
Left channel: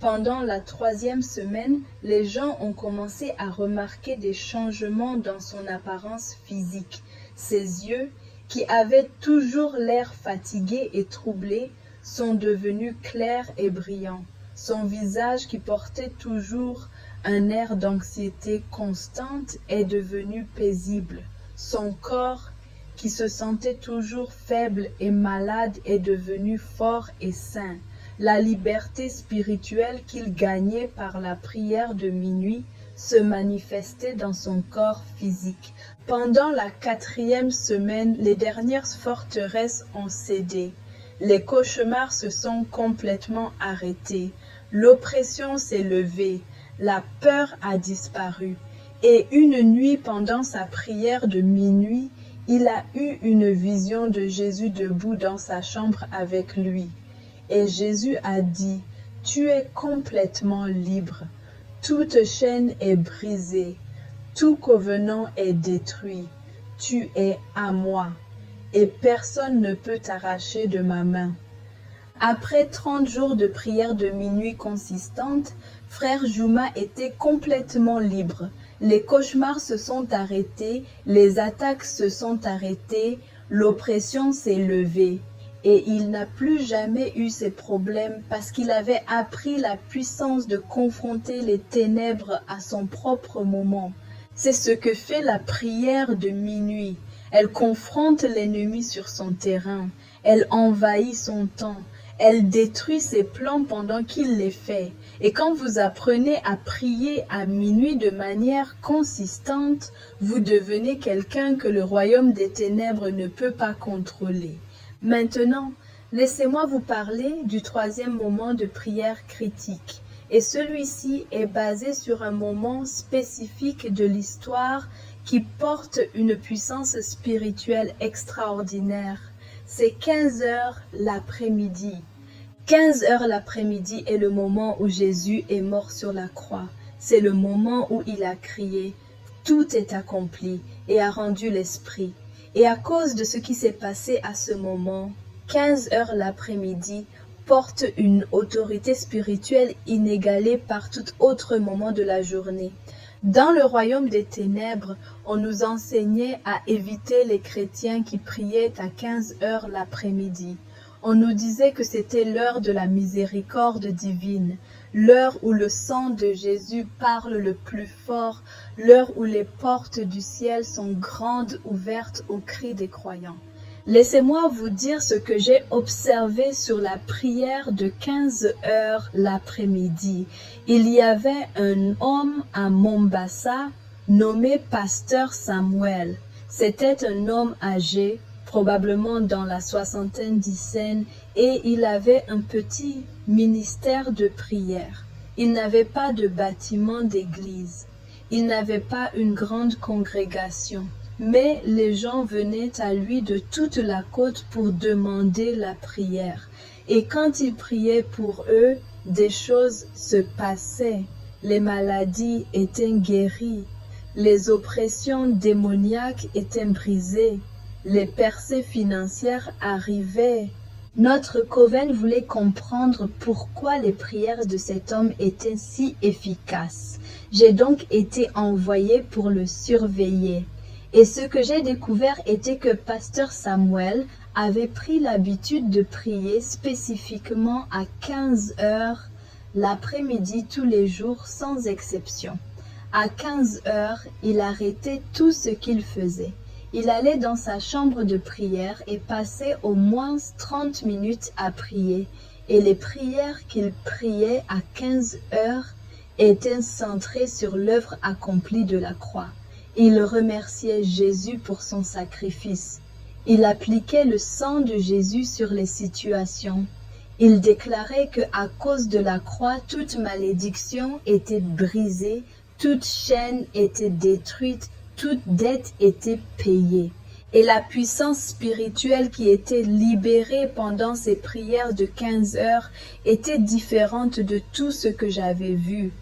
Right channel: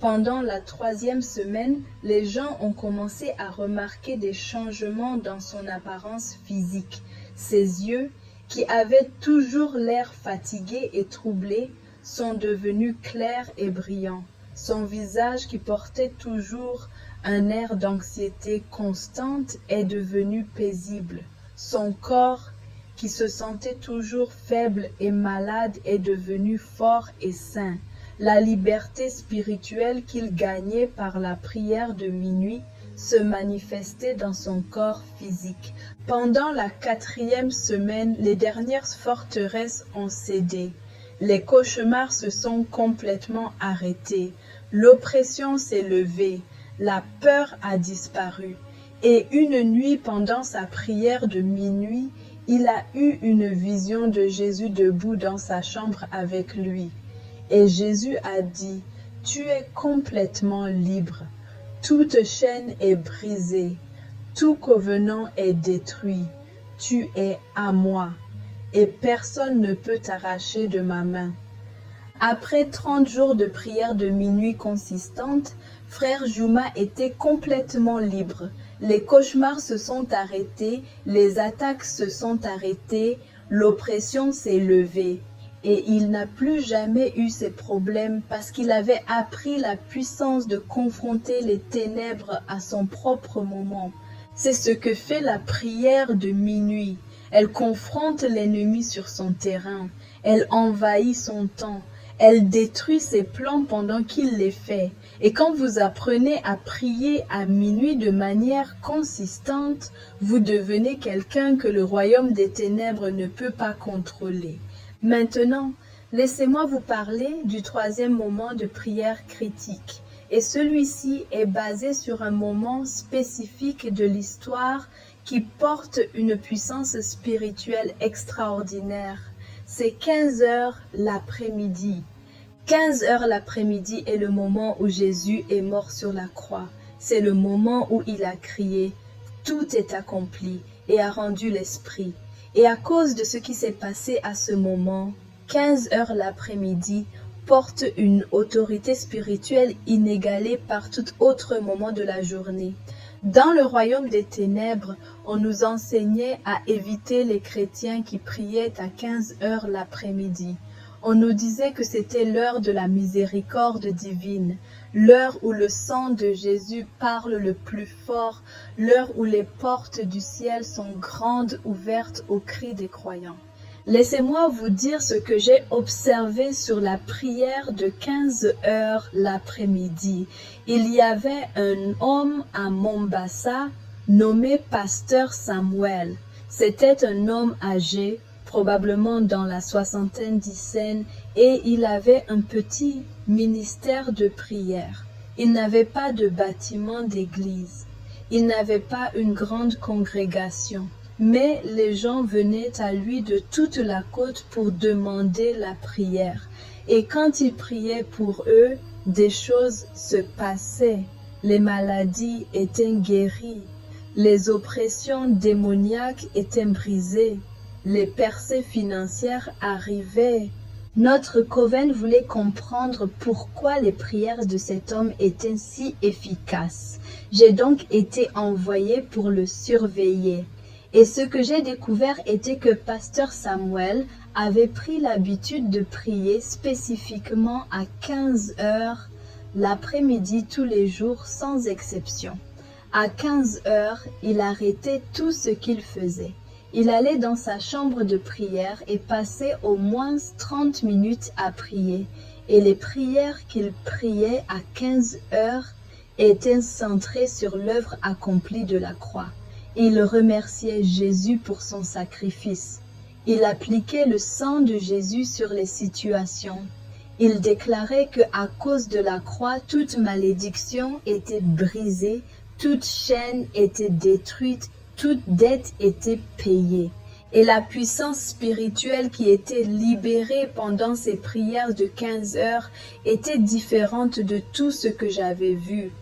Pendant la troisième semaine, les gens ont commencé à remarquer des changements dans son apparence physique. Ses yeux, qui avaient toujours l'air fatigués et troublés, sont devenus clairs et brillants. Son visage, qui portait toujours un air d'anxiété constante, est devenu paisible. Son corps, qui se sentait toujours faible et malade, est devenu fort et sain. La liberté spirituelle qu'il gagnait par la prière de minuit se manifestait dans son corps physique. Pendant la quatrième semaine, les dernières forteresses ont cédé. Les cauchemars se sont complètement arrêtés. L'oppression s'est levée. La peur a disparu. Et une nuit, pendant sa prière de minuit, il a eu une vision de Jésus debout dans sa chambre avec lui. Et Jésus a dit, « Tu es complètement libre. Toute chaîne est brisée. Tout covenant est détruit. Tu es à moi. Et personne ne peut t'arracher de ma main. » Après 30 jours de prière de minuit consistante, Frère Juma était complètement libre. Les cauchemars se sont arrêtés, les attaques se sont arrêtées, l'oppression s'est levée. Et il n'a plus jamais eu ces problèmes parce qu'il avait appris la puissance de confronter les ténèbres à son propre moment. C'est ce que fait la prière de minuit. Elle confronte l'ennemi sur son terrain. Elle envahit son temps. Elle détruit ses plans pendant qu'il les fait. Et quand vous apprenez à prier à minuit de manière consistante, vous devenez quelqu'un que le royaume des ténèbres ne peut pas contrôler. Maintenant, laissez-moi vous parler du troisième moment de prière critique. Et celui-ci est basé sur un moment spécifique de l'histoire qui porte une puissance spirituelle extraordinaire. C'est 15 heures l'après-midi. 15 heures l'après-midi est le moment où Jésus est mort sur la croix. C'est le moment où il a crié « Tout est accompli » et a rendu l'esprit. Et à cause de ce qui s'est passé à ce moment, 15 heures l'après-midi porte une autorité spirituelle inégalée par tout autre moment de la journée. Dans le royaume des ténèbres, on nous enseignait à éviter les chrétiens qui priaient à 15 heures l'après-midi. On nous disait que c'était l'heure de la miséricorde divine, l'heure où le sang de Jésus parle le plus fort, l'heure où les portes du ciel sont grandes ouvertes au cri des croyants. Laissez-moi vous dire ce que j'ai observé sur la prière de 15 heures l'après-midi. Il y avait un homme à Mombasa nommé Pasteur Samuel. C'était un homme âgé, probablement dans la soixantaine d'Isen, et il avait un petit ministère de prière. Il n'avait pas de bâtiment d'église. Il n'avait pas une grande congrégation. Mais les gens venaient à lui de toute la côte pour demander la prière. Et quand il priait pour eux, des choses se passaient. Les maladies étaient guéries, les oppressions démoniaques étaient brisées, les percées financières arrivaient. Notre coven voulait comprendre pourquoi les prières de cet homme étaient si efficaces. J'ai donc été envoyé pour le surveiller. Et ce que j'ai découvert était que Pasteur Samuel avait pris l'habitude de prier spécifiquement à 15 heures l'après-midi tous les jours sans exception. À 15 heures, il arrêtait tout ce qu'il faisait. Il allait dans sa chambre de prière et passait au moins 30 minutes à prier. Et les prières qu'il priait à 15 heures étaient centrées sur l'œuvre accomplie de la croix. Il remerciait Jésus pour son sacrifice. Il appliquait le sang de Jésus sur les situations. Il déclarait que à cause de la croix, toute malédiction était brisée, toute chaîne était détruite, toute dette était payée. Et la puissance spirituelle qui était libérée pendant ces prières de 15 heures était différente de tout ce que j'avais vu.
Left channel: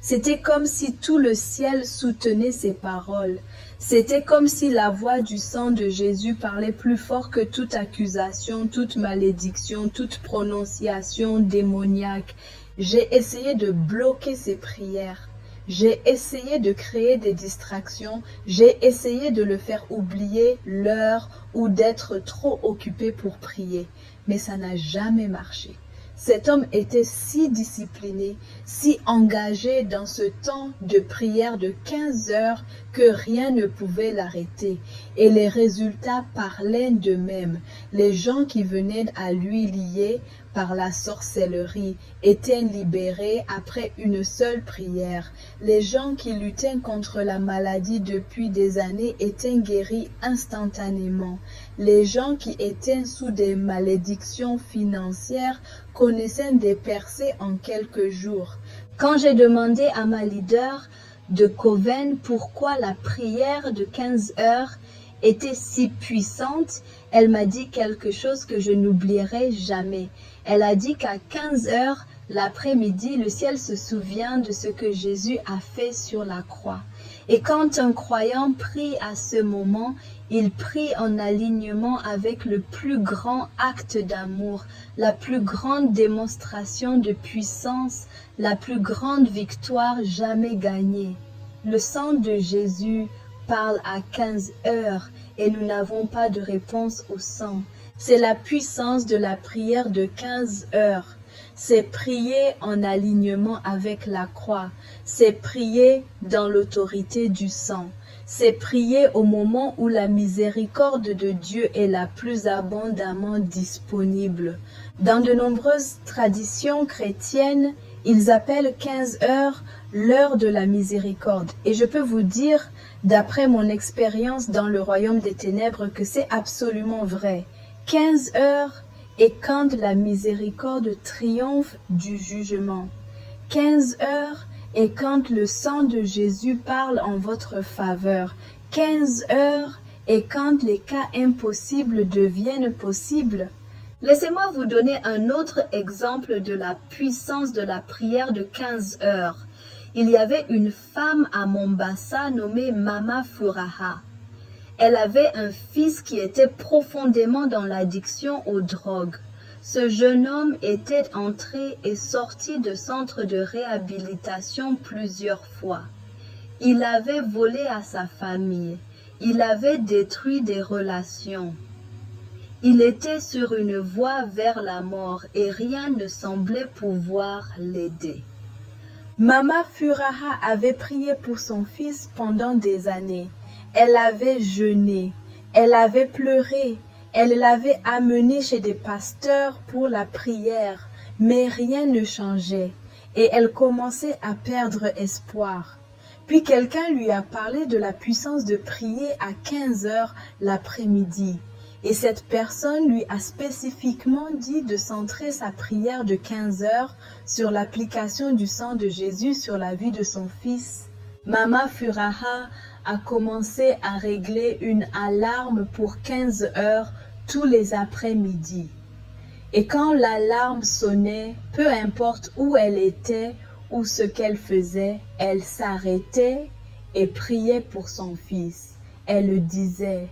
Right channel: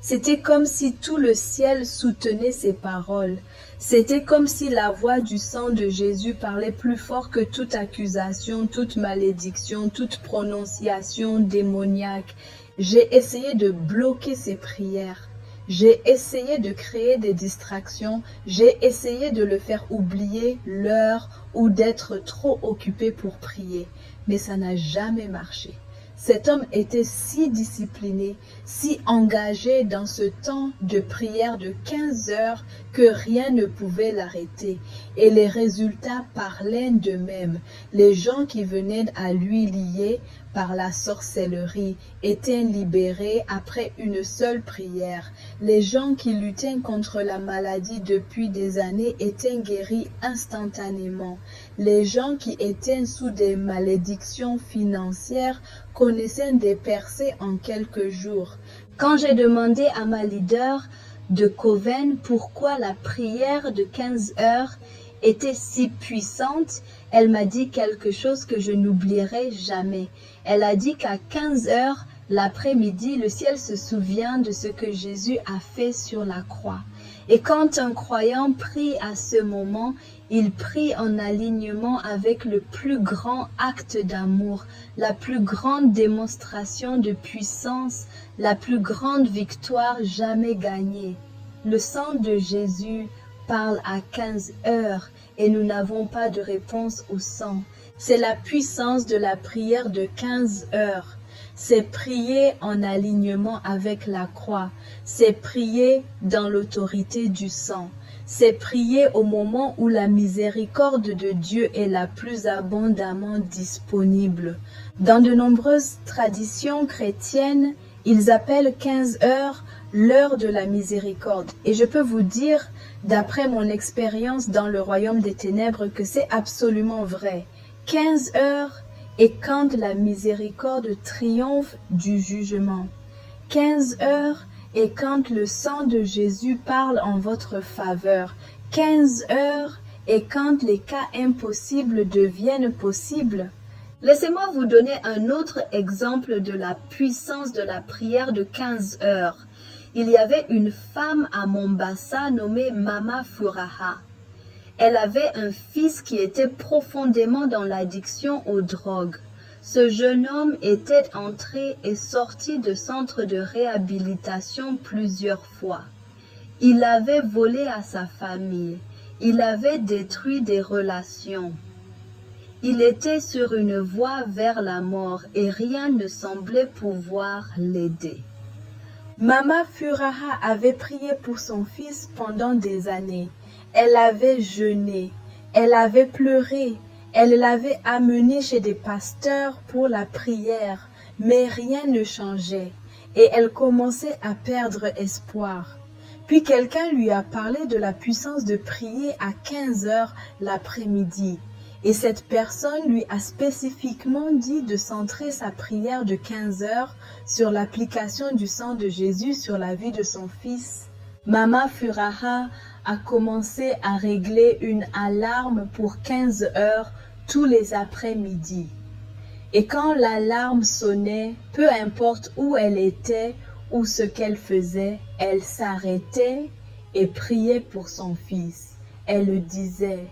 C'était comme si tout le ciel soutenait ces paroles. C'était comme si la voix du sang de Jésus parlait plus fort que toute accusation, toute malédiction, toute prononciation démoniaque. J'ai essayé de bloquer ces prières. J'ai essayé de créer des distractions. J'ai essayé de le faire oublier l'heure ou d'être trop occupé pour prier. Mais ça n'a jamais marché. Cet homme était si discipliné, si engagé dans ce temps de prière de 15 heures que rien ne pouvait l'arrêter. Et les résultats parlaient d'eux-mêmes. Les gens qui venaient à lui liés par la sorcellerie étaient libérés après une seule prière. Les gens qui luttaient contre la maladie depuis des années étaient guéris instantanément. Les gens qui étaient sous des malédictions financières connaissaient des percées en quelques jours. Quand j'ai demandé à ma leader de Coven pourquoi la prière de 15 heures était si puissante, elle m'a dit quelque chose que je n'oublierai jamais. Elle a dit qu'à 15 heures l'après-midi, le ciel se souvient de ce que Jésus a fait sur la croix. Et quand un croyant prie à ce moment, il prie en alignement avec le plus grand acte d'amour, la plus grande démonstration de puissance, la plus grande victoire jamais gagnée. Le sang de Jésus parle à 15 heures et nous n'avons pas de réponse au sang. C'est la puissance de la prière de 15 heures. C'est prier en alignement avec la croix. C'est prier dans l'autorité du sang. C'est prier au moment où la miséricorde de Dieu est la plus abondamment disponible. Dans de nombreuses traditions chrétiennes, ils appellent 15 heures l'heure de la miséricorde. Et je peux vous dire, d'après mon expérience dans le royaume des ténèbres, que c'est absolument vrai. 15 heures est quand la miséricorde triomphe du jugement. 15 heures est quand le sang de Jésus parle en votre faveur. 15 heures est quand les cas impossibles deviennent possibles. Laissez-moi vous donner un autre exemple de la puissance de la prière de 15 heures. Il y avait une femme à Mombasa nommée Mama Furaha. Elle avait un fils qui était profondément dans l'addiction aux drogues. Ce jeune homme était entré et sorti de centre de réhabilitation plusieurs fois. Il avait volé à sa famille. Il avait détruit des relations. Il était sur une voie vers la mort et rien ne semblait pouvoir l'aider. Mama Furaha avait prié pour son fils pendant des années. Elle avait jeûné, elle avait pleuré, elle l'avait amené chez des pasteurs pour la prière, mais rien ne changeait et elle commençait à perdre espoir. Puis quelqu'un lui a parlé de la puissance de prier à 15 heures l'après-midi. Et cette personne lui a spécifiquement dit de centrer sa prière de 15 heures sur l'application du sang de Jésus sur la vie de son fils. Mama Furaha a commencé à régler une alarme pour 15 heures tous les après-midi. Et quand l'alarme sonnait, peu importe où elle était ou ce qu'elle faisait, elle s'arrêtait et priait pour son fils. Elle disait:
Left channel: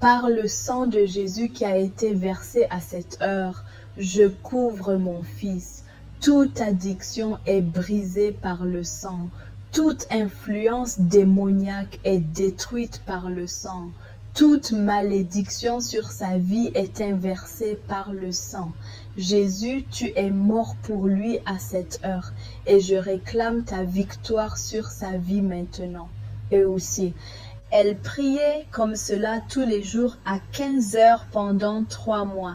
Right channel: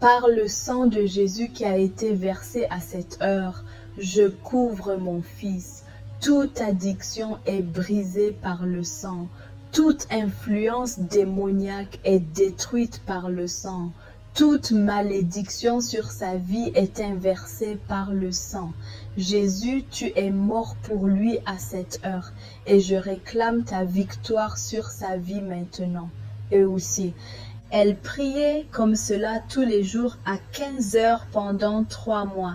par le sang de Jésus qui a été versé à cette heure, je couvre mon fils. Toute addiction est brisée par le sang. Toute influence démoniaque est détruite par le sang. Toute malédiction sur sa vie est inversée par le sang. Jésus, tu es mort pour lui à cette heure et je réclame ta victoire sur sa vie maintenant. Et aussi, elle priait comme cela tous les jours à 15 heures pendant 3 mois.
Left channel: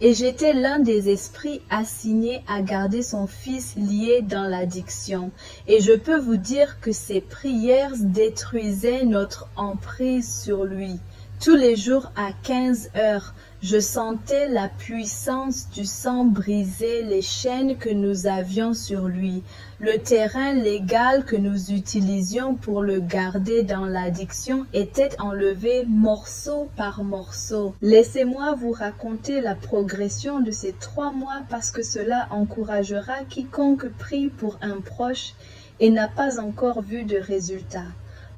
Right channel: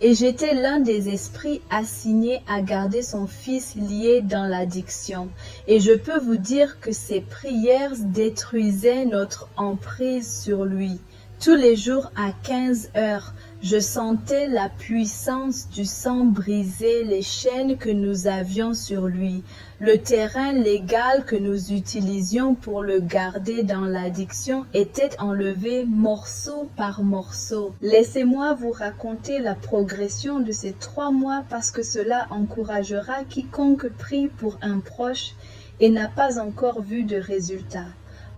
Et j'étais l'un des esprits assignés à garder son fils lié dans l'addiction. Et je peux vous dire que ces prières détruisaient notre emprise sur lui. Tous les jours à 15 heures, je sentais la puissance du sang briser les chaînes que nous avions sur lui. Le terrain légal que nous utilisions pour le garder dans l'addiction était enlevé morceau par morceau. Laissez-moi vous raconter la progression de ces 3 mois parce que cela encouragera quiconque prie pour un proche et n'a pas encore vu de résultat.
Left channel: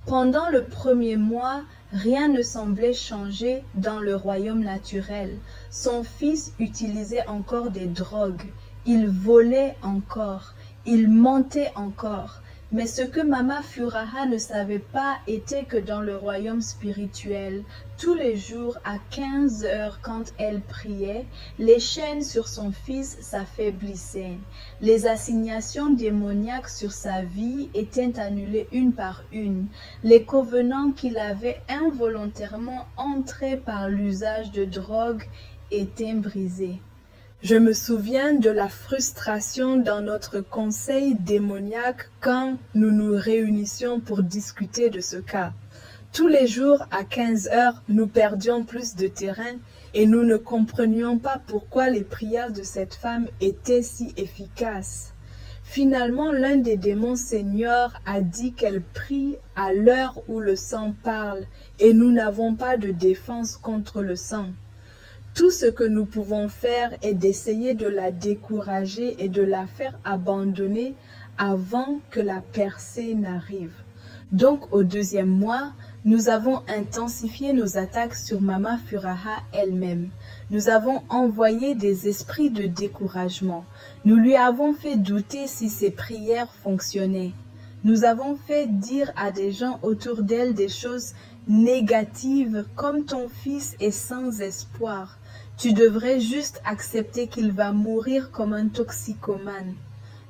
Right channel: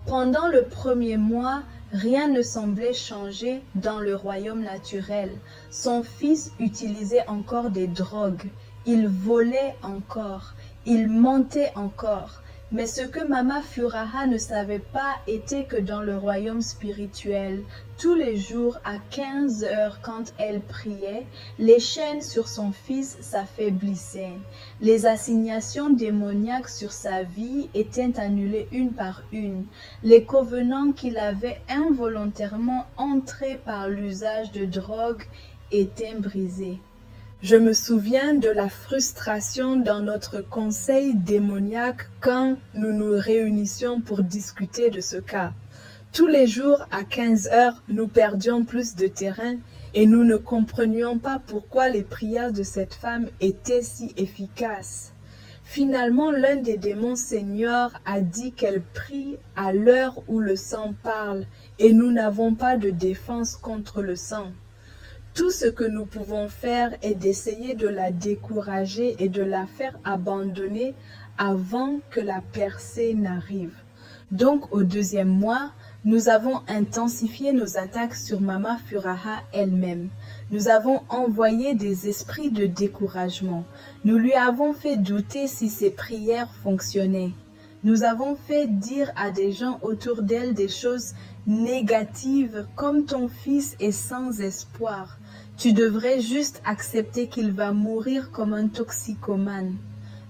Pendant le premier mois, rien ne semblait changer dans le royaume naturel. Son fils utilisait encore des drogues. Il volait encore. Il mentait encore. Mais ce que Mama Furaha ne savait pas était que dans le royaume spirituel, tous les jours à 15 heures quand elle priait, les chaînes sur son fils s'affaiblissaient. Les assignations démoniaques sur sa vie étaient annulées une par une. Les covenants qu'il avait involontairement entrés par l'usage de drogue étaient brisés. Je me souviens de la frustration dans notre conseil démoniaque quand nous nous réunissions pour discuter de ce cas. Tous les jours à 15 heures, nous perdions plus de terrain et nous ne comprenions pas pourquoi les prières de cette femme étaient si efficaces. Finalement, l'un des démons seigneurs a dit qu'elle prie à l'heure où le sang parle et nous n'avons pas de défense contre le sang. Tout ce que nous pouvons faire est d'essayer de la décourager et de la faire abandonner avant que la percée n'arrive. Donc, au 2e mois, nous avons intensifié nos attaques sur Mama Furaha elle-même. Nous avons envoyé des esprits de découragement. Nous lui avons fait douter si ses prières fonctionnaient. Nous avons fait dire à des gens autour d'elle des choses négatives comme ton fils est sans espoir. Tu devrais juste accepter qu'il va mourir comme un toxicomane.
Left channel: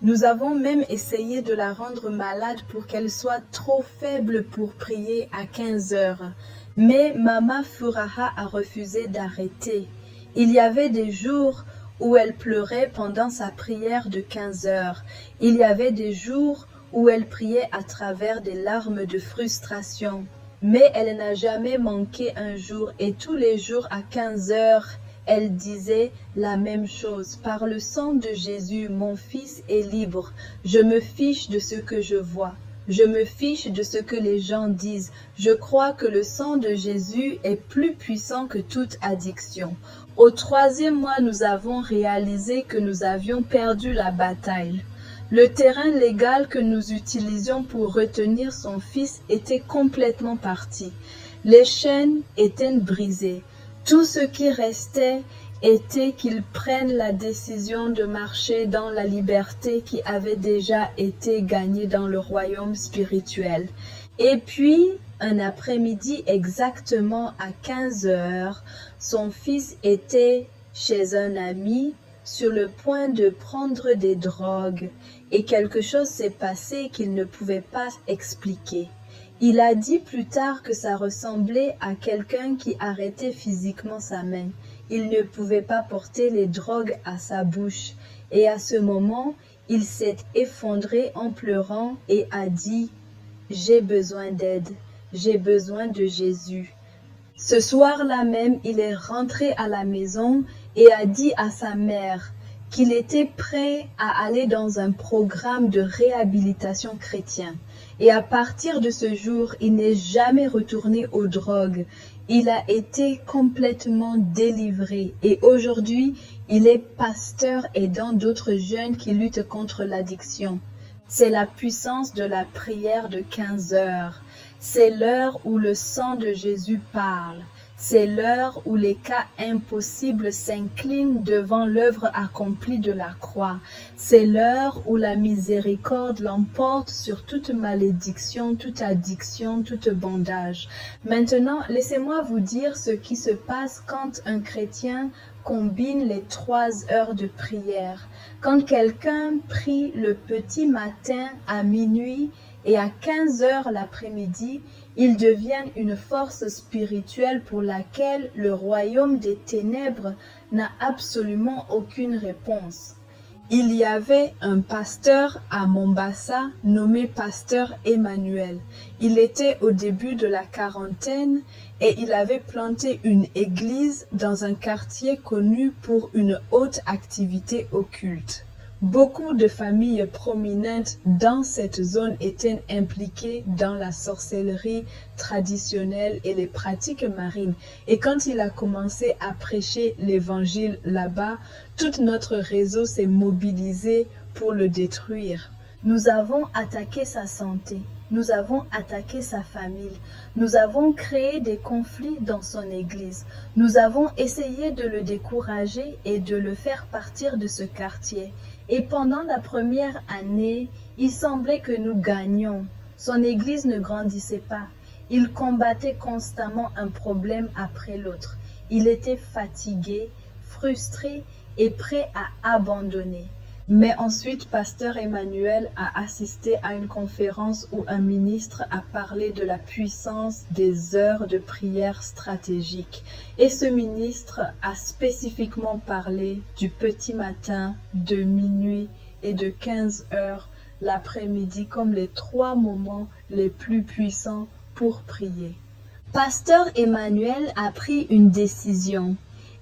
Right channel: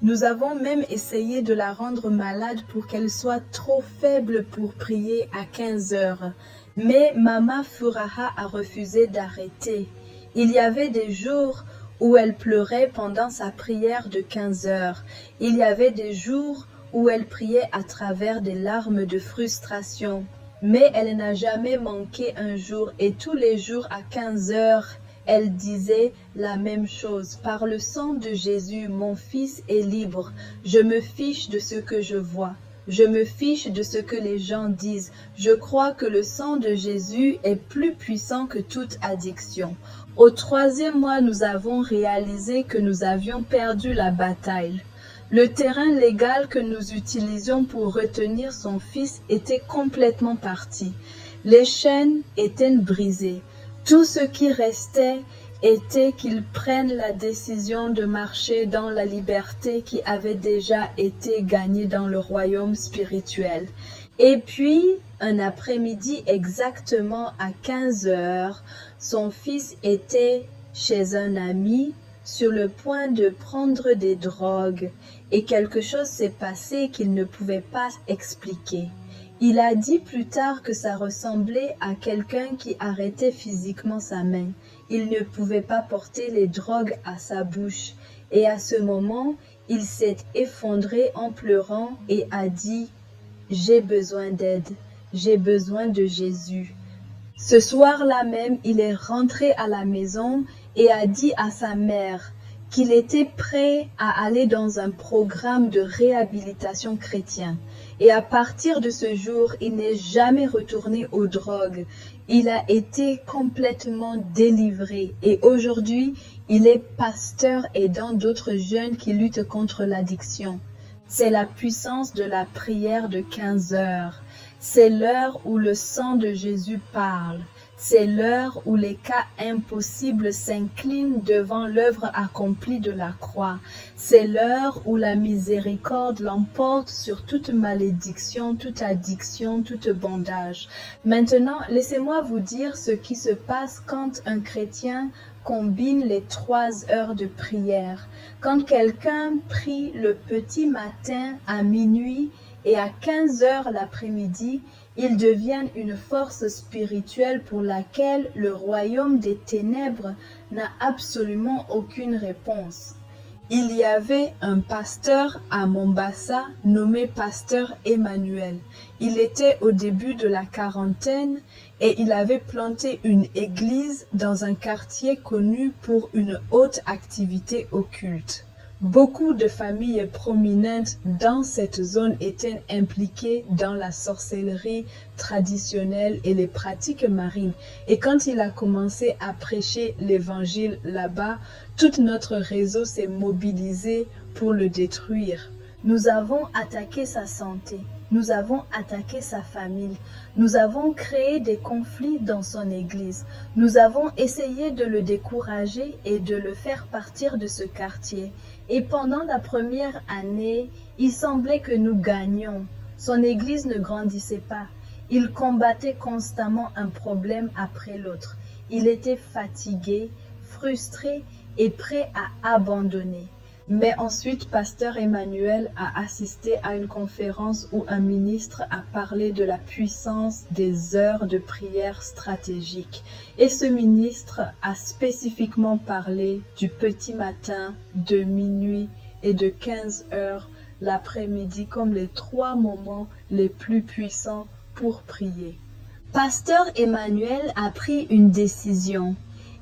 Nous avons même essayé de la rendre malade pour qu'elle soit trop faible pour prier à 15 heures. Mais Mama Furaha a refusé d'arrêter. Il y avait des jours où elle pleurait pendant sa prière de 15 heures. Il y avait des jours où elle priait à travers des larmes de frustration. Mais elle n'a jamais manqué un jour et tous les jours à 15 heures, elle disait la même chose. Par le sang de Jésus, mon fils est libre. Je me fiche de ce que je vois. Je me fiche de ce que les gens disent. Je crois que le sang de Jésus est plus puissant que toute addiction. Au 3e mois, nous avons réalisé que nous avions perdu la bataille. Le terrain légal que nous utilisions pour retenir son fils était complètement parti. Les chaînes étaient brisées. Tout ce qui restait était qu'ils prennent la décision de marcher dans la liberté qui avait déjà été gagnée dans le royaume spirituel. Et puis, un après-midi exactement à 15 heures, son fils était chez un ami sur le point de prendre des drogues et quelque chose s'est passé qu'il ne pouvait pas expliquer. Il a dit plus tard que ça ressemblait à quelqu'un qui arrêtait physiquement sa main. Il ne pouvait pas porter les drogues à sa bouche. Et à ce moment, il s'est effondré en pleurant et a dit « J'ai besoin d'aide, j'ai besoin de Jésus ». Ce soir-là même, il est rentré à la maison et a dit à sa mère qu'il était prêt à aller dans un programme de réhabilitation chrétien. Et à partir de ce jour, il n'est jamais retourné aux drogues. Il a été complètement délivré et aujourd'hui, Il est pasteur aidant d'autres jeunes qui luttent contre l'addiction. C'est la puissance de la prière de 15 heures. C'est l'heure où le sang de Jésus parle. C'est l'heure où les cas impossibles s'inclinent devant l'œuvre accomplie de la croix. C'est l'heure où la miséricorde l'emporte sur toute malédiction, toute addiction, toute bondage. Maintenant, laissez-moi vous dire ce qui se passe quand un chrétien combine les 3 heures de prière. Quand quelqu'un prie le petit matin à minuit et à 15 heures l'après-midi, ils deviennent une force spirituelle pour laquelle le royaume des ténèbres n'a absolument aucune réponse. Il y avait un pasteur à Mombasa nommé pasteur Emmanuel. Il était au début de la quarantaine et il avait planté une église dans un quartier connu pour une haute activité occulte. Beaucoup de familles prominentes dans cette zone étaient impliquées dans la sorcellerie traditionnelle et les pratiques marines. Et quand il a commencé à prêcher l'évangile là-bas, tout notre réseau s'est mobilisé pour le détruire. Nous avons attaqué sa santé, nous avons attaqué sa famille, nous avons créé des conflits dans son église, nous avons essayé de le décourager et de le faire partir de ce quartier. Et pendant la première année, il semblait que nous gagnions. Son église ne grandissait pas. Il combattait constamment un problème après l'autre. Il était fatigué, frustré et prêt à abandonner. Mais ensuite, pasteur Emmanuel a assisté à une conférence où un ministre a parlé de la puissance des heures de prière stratégique. Et ce ministre a spécifiquement parlé du petit matin, de minuit et de 15 heures l'après-midi comme les 3 moments les plus puissants pour prier. Pasteur Emmanuel a pris une décision.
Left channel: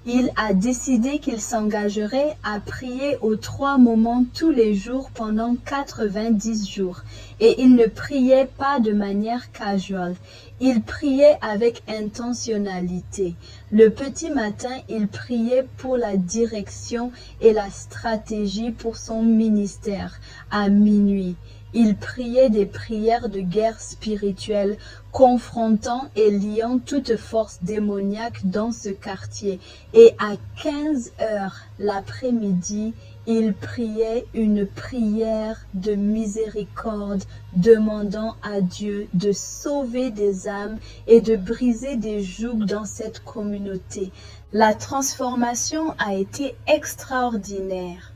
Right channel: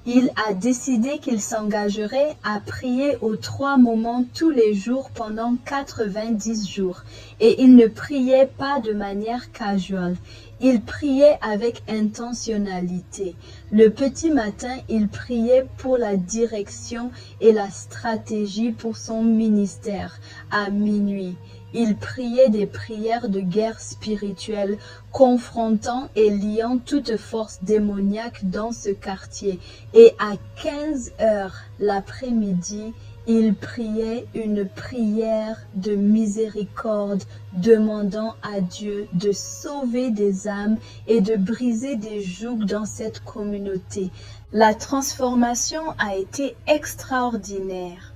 Il a décidé qu'il s'engagerait à prier aux 3 moments tous les jours pendant 90 jours. Et il ne priait pas de manière casual. Il priait avec intentionnalité. Le petit matin, il priait pour la direction et la stratégie pour son ministère. À minuit, il priait des prières de guerre spirituelle, confrontant et liant toute force démoniaque dans ce quartier. Et à 15 heures l'après-midi, il priait une prière de miséricorde, demandant à Dieu de sauver des âmes et de briser des jougs dans cette communauté. La transformation a été extraordinaire.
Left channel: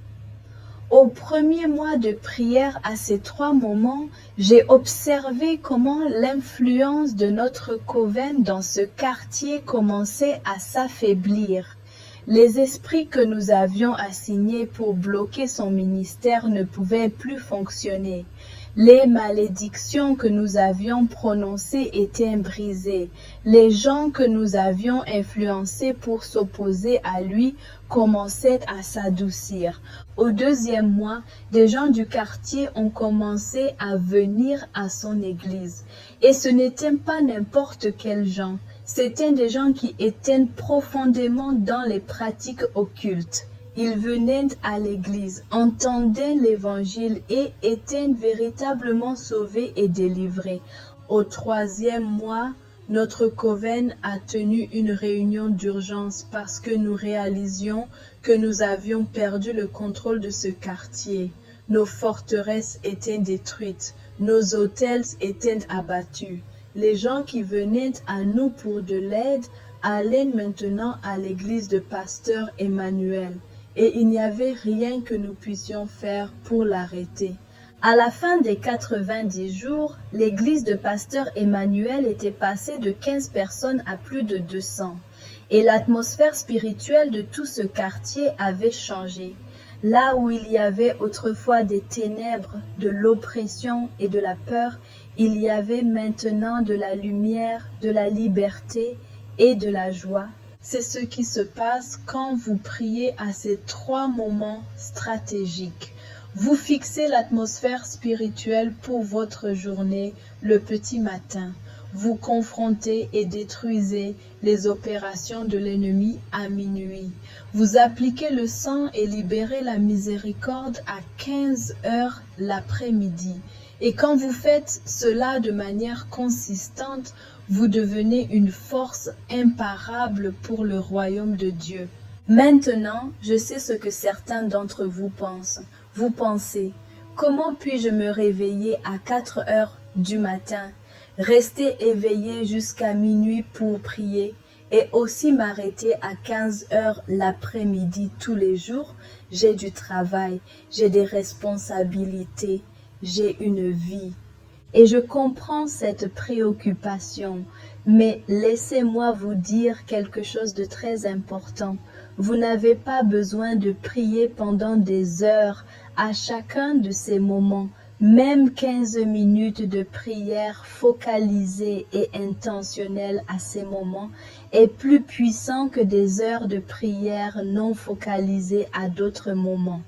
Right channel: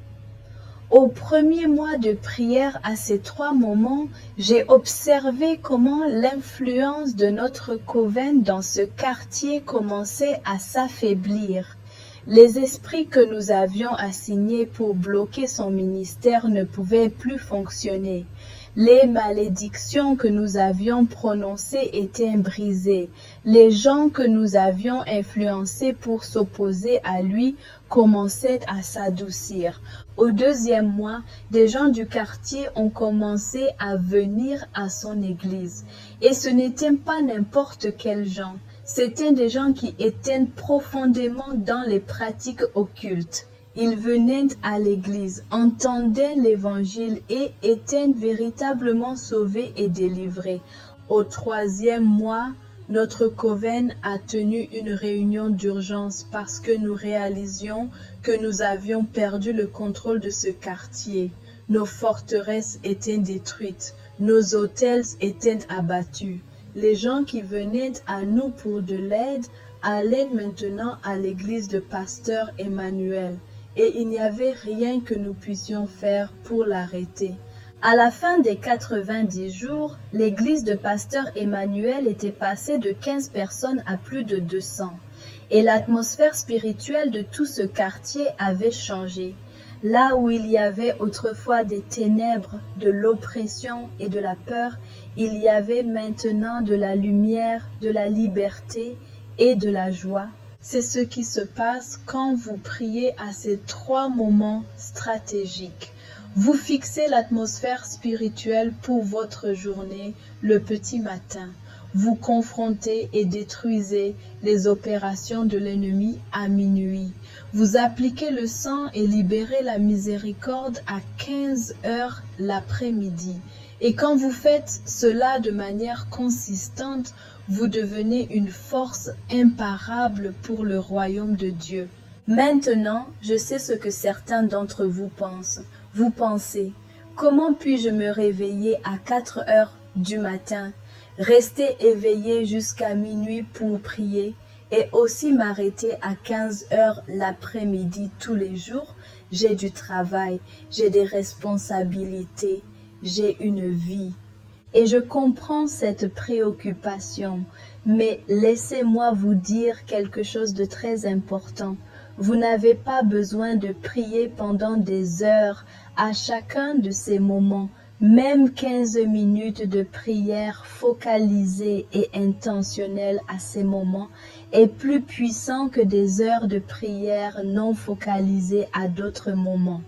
Au premier mois de prière à ces 3 moments, j'ai observé comment l'influence de notre coven dans ce quartier commençait à s'affaiblir. Les esprits que nous avions assignés pour bloquer son ministère ne pouvaient plus fonctionner. Les malédictions que nous avions prononcées étaient brisées. Les gens que nous avions influencés pour s'opposer à lui commençaient à s'adoucir. Au 2e mois, des gens du quartier ont commencé à venir à son église. Et ce n'étaient pas n'importe quels gens. C'étaient des gens qui étaient profondément dans les pratiques occultes. Ils venaient à l'église, entendaient l'évangile et étaient véritablement sauvés et délivrés. Au 3e mois, notre coven a tenu une réunion d'urgence parce que nous réalisions que nous avions perdu le contrôle de ce quartier. Nos forteresses étaient détruites, nos hôtels étaient abattus. Les gens qui venaient à nous pour de l'aide allaient maintenant à l'église de pasteur Emmanuel. Et il n'y avait rien que nous puissions faire pour l'arrêter. À la fin des 90 jours, l'église de pasteur Emmanuel était passée de 15 personnes à plus de 200. Et l'atmosphère spirituelle de tout ce quartier avait changé. Là où il y avait autrefois des ténèbres, de l'oppression et de la peur, il y avait maintenant de la lumière, de la liberté et de la joie. C'est ce qui se passe quand vous priez à ces 3 moments stratégiques. Vous fixez l'atmosphère spirituelle pour votre journée le petit matin. vous confrontez et détruisez les opérations de l'ennemi à minuit. Vous appliquez le sang et libérez la miséricorde à 15 heures l'après-midi. Et quand vous faites cela de manière consistante, vous devenez une force imparable pour le royaume de Dieu. Maintenant, je sais ce que certains d'entre vous pensent. Vous pensez, comment puis-je me réveiller à 4 heures du matin, rester éveillé jusqu'à minuit pour prier et aussi m'arrêter à 15 heures l'après-midi tous les jours? J'ai du travail, j'ai des responsabilités, j'ai une vie. Et je comprends cette préoccupation, mais laissez-moi vous dire quelque chose de très important. Vous n'avez pas besoin de prier pendant des heures à chacun de ces moments. Même 15 minutes de prière focalisée et intentionnelle à ces moments est plus puissant que des heures de prière non focalisées à d'autres moments.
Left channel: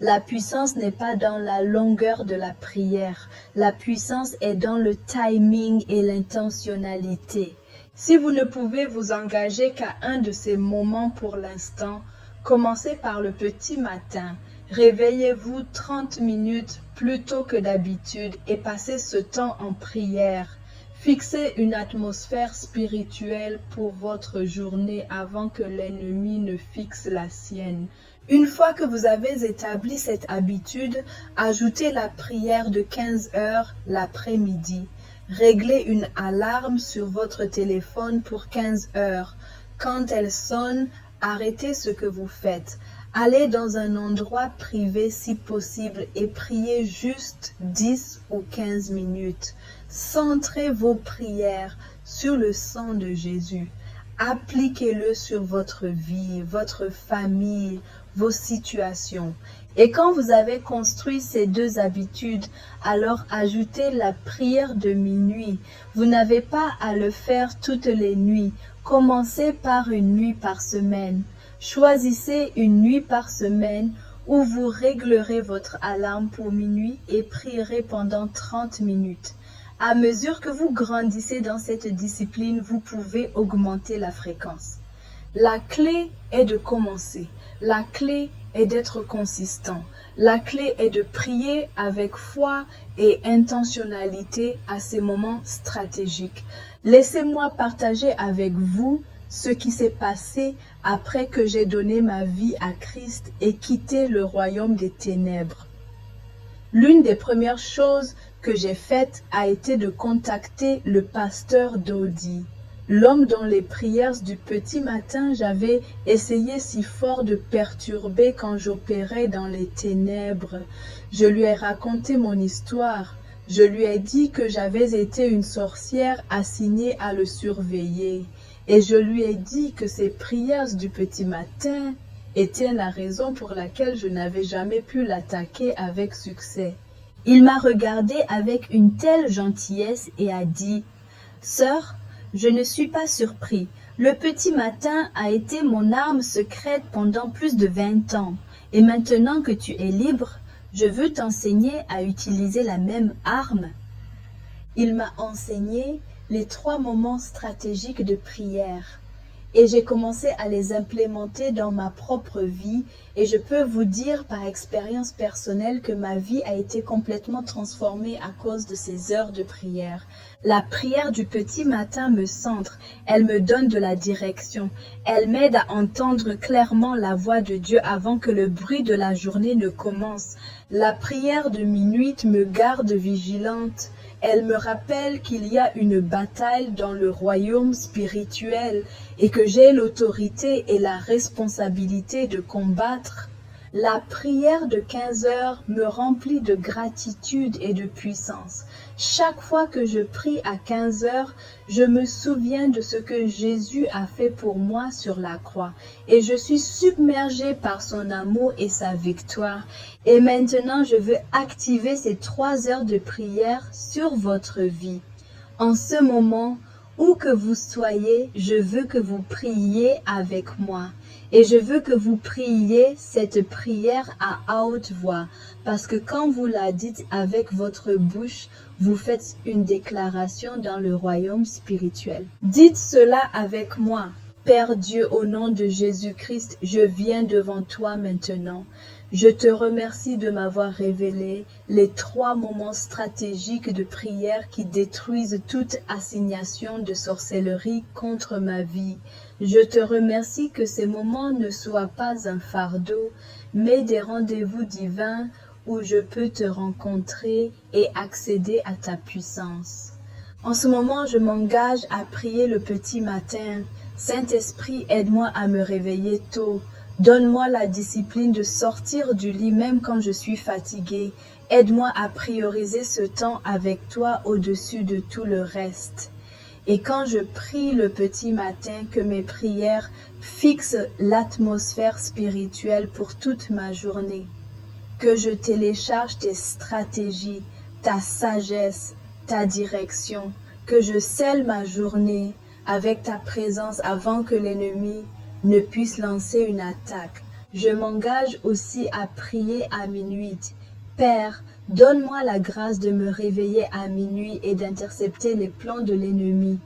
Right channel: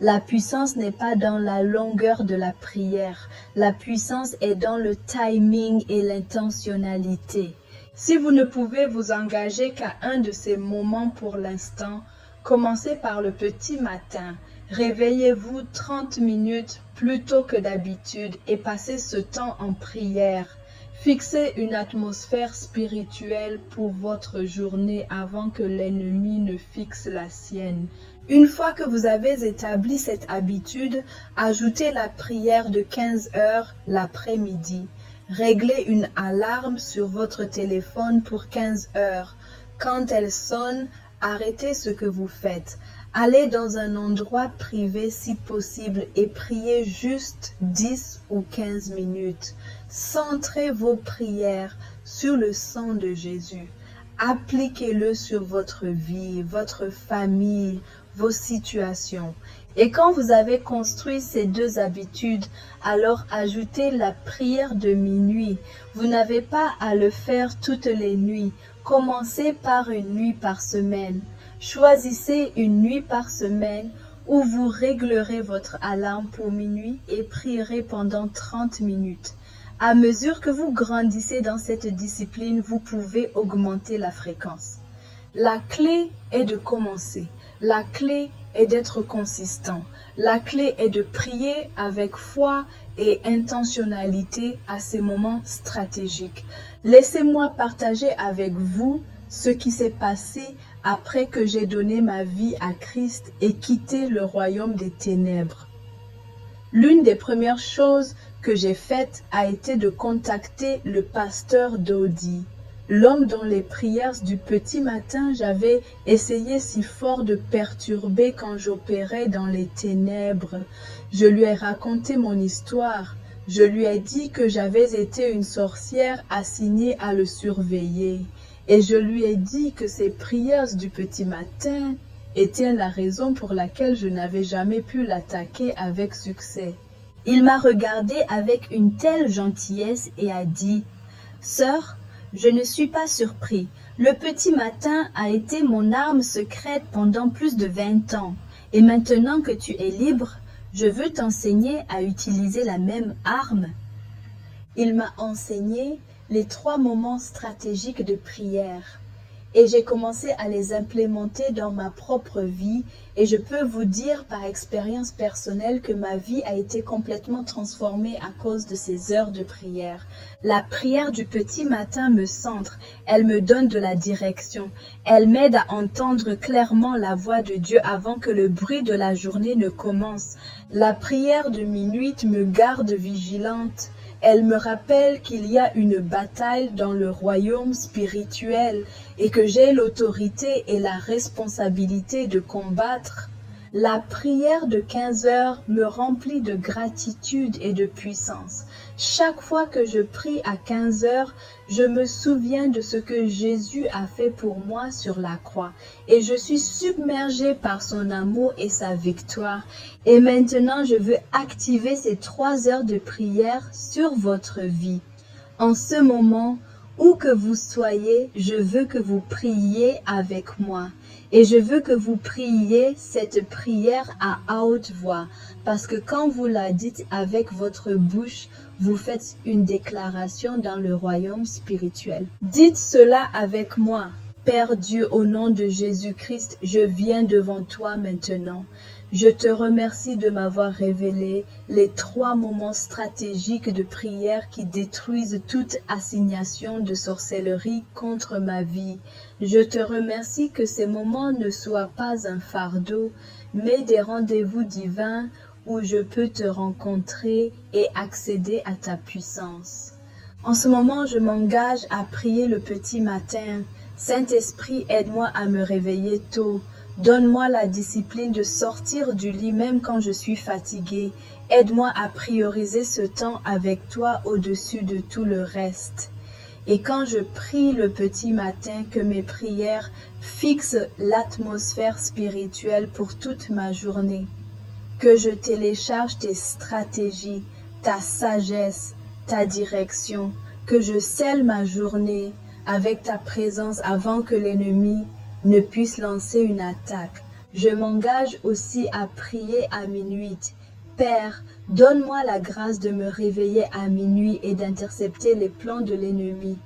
La puissance n'est pas dans la longueur de la prière. La puissance est dans le timing et l'intentionnalité. Si vous ne pouvez vous engager qu'à un de ces moments pour l'instant, commencez par le petit matin. Réveillez-vous 30 minutes plus tôt que d'habitude et passez ce temps en prière. Fixez une atmosphère spirituelle pour votre journée avant que l'ennemi ne fixe la sienne. Une fois que vous avez établi cette habitude, ajoutez la prière de 15 heures l'après-midi. Réglez une alarme sur votre téléphone pour 15 heures. Quand elle sonne, arrêtez ce que vous faites. Allez dans un endroit privé si possible et priez juste 10 ou 15 minutes. Centrez vos prières sur le sang de Jésus. Appliquez-le sur votre vie, votre famille, vos situations. Et quand vous avez construit ces deux habitudes, alors ajoutez la prière de minuit. Vous n'avez pas à le faire toutes les nuits. Commencez par une nuit par semaine. Choisissez une nuit par semaine où vous réglerez votre alarme pour minuit et prierez pendant 30 minutes. À mesure que vous grandissez dans cette discipline, vous pouvez augmenter la fréquence. La clé est de commencer. La clé est d'être consistant. La clé est de prier avec foi et intentionnalité à ces moments stratégiques. Laissez-moi partager avec vous ce qui s'est passé après que j'ai donné ma vie à Christ et quitté le royaume des ténèbres. L'une des premières choses que j'ai faites a été de contacter le pasteur Dodi. L'homme dont les prières du petit matin j'avais essayé si fort de perturber quand j'opérais dans les ténèbres. Je lui ai raconté mon histoire. Je lui ai dit que j'avais été une sorcière assignée à le surveiller. Et je lui ai dit que ces prières du petit matin étaient la raison pour laquelle je n'avais jamais pu l'attaquer avec succès. Il m'a regardé avec une telle gentillesse et a dit « Sœur, je ne suis pas surpris. Le petit matin a été mon arme secrète pendant plus de 20 ans. Et maintenant que tu es libre, je veux t'enseigner à utiliser la même arme. » Il m'a enseigné les 3 moments stratégiques de prière. Et j'ai commencé à les implémenter dans ma propre vie. Et je peux vous dire par expérience personnelle que ma vie a été complètement transformée à cause de ces heures de prière. La prière du petit matin me centre, elle me donne de la direction. Elle m'aide à entendre clairement la voix de Dieu avant que le bruit de la journée ne commence. La prière de minuit me garde vigilante. Elle me rappelle qu'il y a une bataille dans le royaume spirituel et que j'ai l'autorité et la responsabilité de combattre. La prière de 15 heures me remplit de gratitude et de puissance. Chaque fois que je prie à 15 heures, je me souviens de ce que Jésus a fait pour moi sur la croix. Et je suis submergée par son amour et sa victoire. Et maintenant, je veux activer ces 3 heures de prière sur votre vie. En ce moment, où que vous soyez, je veux que vous priez avec moi. Et je veux que vous priez cette prière à haute voix, parce que quand vous la dites avec votre bouche, vous faites une déclaration dans le royaume spirituel. Dites cela avec moi. Père Dieu, au nom de Jésus-Christ, je viens devant toi maintenant. Je te remercie de m'avoir révélé les 3 moments stratégiques de prière qui détruisent toute assignation de sorcellerie contre ma vie. Je te remercie que ces moments ne soient pas un fardeau, mais des rendez-vous divins où je peux te rencontrer et accéder à ta puissance. En ce moment, je m'engage à prier le petit matin. Saint-Esprit, aide-moi à me réveiller tôt. Donne-moi la discipline de sortir du lit même quand je suis fatiguée. Aide-moi à prioriser ce temps avec toi au-dessus de tout le reste. Et quand je prie le petit matin, que mes prières fixent l'atmosphère spirituelle pour toute ma journée. Que je télécharge tes stratégies, ta sagesse, ta direction. Que je scelle ma journée avec ta présence avant que l'ennemi ne puisse lancer une attaque. Je m'engage aussi à prier à minuit. Père, donne-moi la grâce de me réveiller à minuit et d'intercepter les plans de l'ennemi.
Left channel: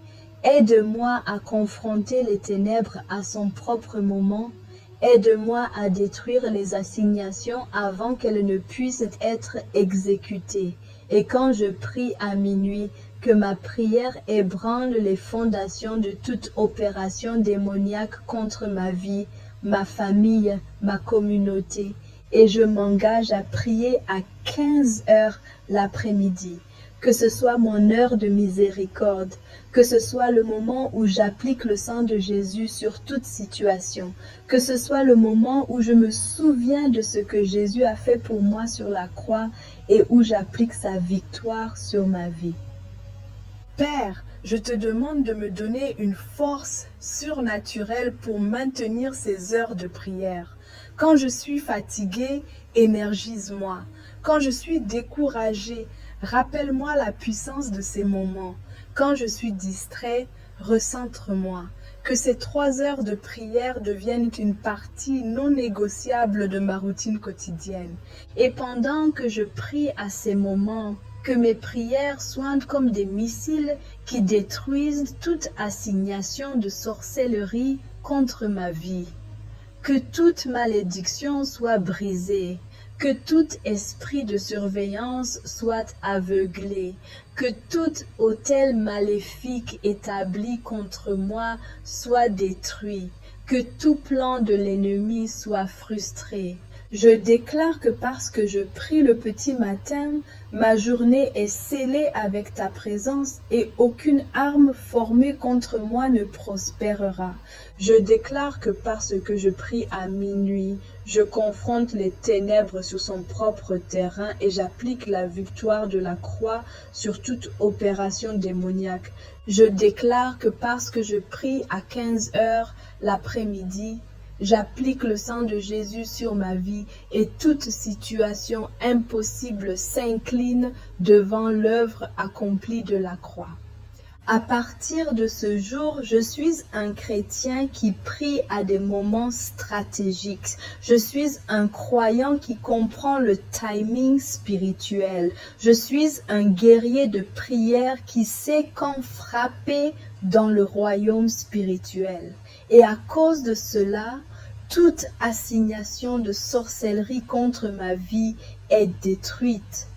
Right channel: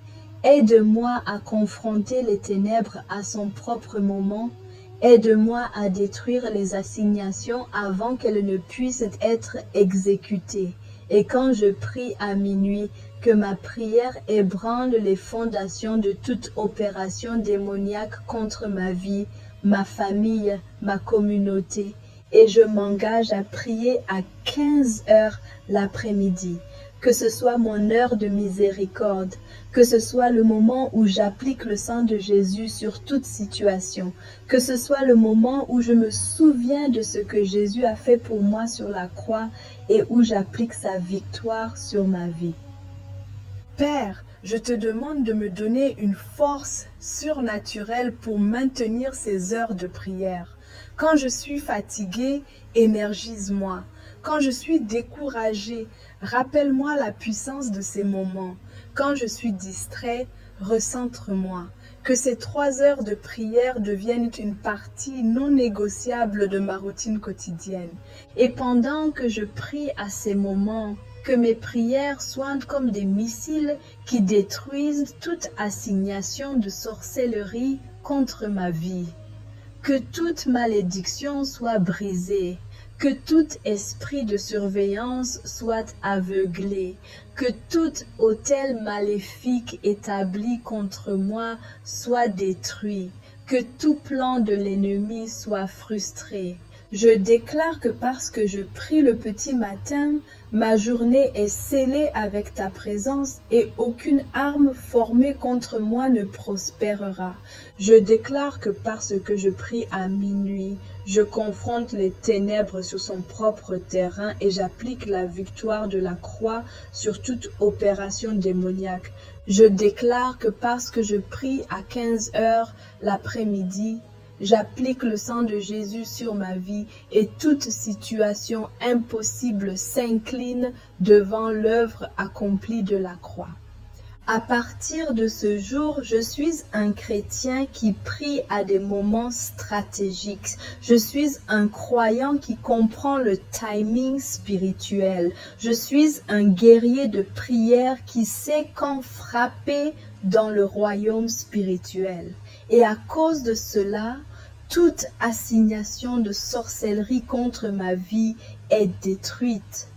Aide-moi à confronter les ténèbres à son propre moment. Aide-moi à détruire les assignations avant qu'elles ne puissent être exécutées. Et quand je prie à minuit, que ma prière ébranle les fondations de toute opération démoniaque contre ma vie, ma famille, ma communauté. Et je m'engage à prier à 15 heures l'après-midi. Que ce soit mon heure de miséricorde, que ce soit le moment où j'applique le sang de Jésus sur toute situation, que ce soit le moment où je me souviens de ce que Jésus a fait pour moi sur la croix et où j'applique sa victoire sur ma vie. Père, je te demande de me donner une force surnaturelle pour maintenir ces heures de prière. Quand je suis fatiguée, énergise-moi. Quand je suis découragée, rappelle-moi la puissance de ces moments. Quand je suis distrait, recentre-moi. Que ces 3 heures de prière deviennent une partie non négociable de ma routine quotidienne. Et pendant que je prie à ces moments, que mes prières soient comme des missiles qui détruisent toute assignation de sorcellerie contre ma vie. Que toute malédiction soit brisée, que tout esprit de surveillance soit aveuglé, que tout autel maléfique établi contre moi soit détruit, que tout plan de l'ennemi soit frustré. Je déclare que parce que je prie le petit matin, ma journée est scellée avec ta présence et aucune arme formée contre moi ne prospérera. Je déclare que parce que je prie à minuit, je confronte les ténèbres sur son propre terrain et j'applique la victoire de la croix sur toute opération démoniaque. Je déclare que parce que je prie à 15 heures l'après-midi, j'applique le sang de Jésus sur ma vie et toute situation impossible s'incline devant l'œuvre accomplie de la croix. À partir de ce jour, je suis un chrétien qui prie à des moments stratégiques. Je suis un croyant qui comprend le timing spirituel. Je suis un guerrier de prière qui sait quand frapper dans le royaume spirituel. Et à cause de cela, toute assignation de sorcellerie contre ma vie est détruite.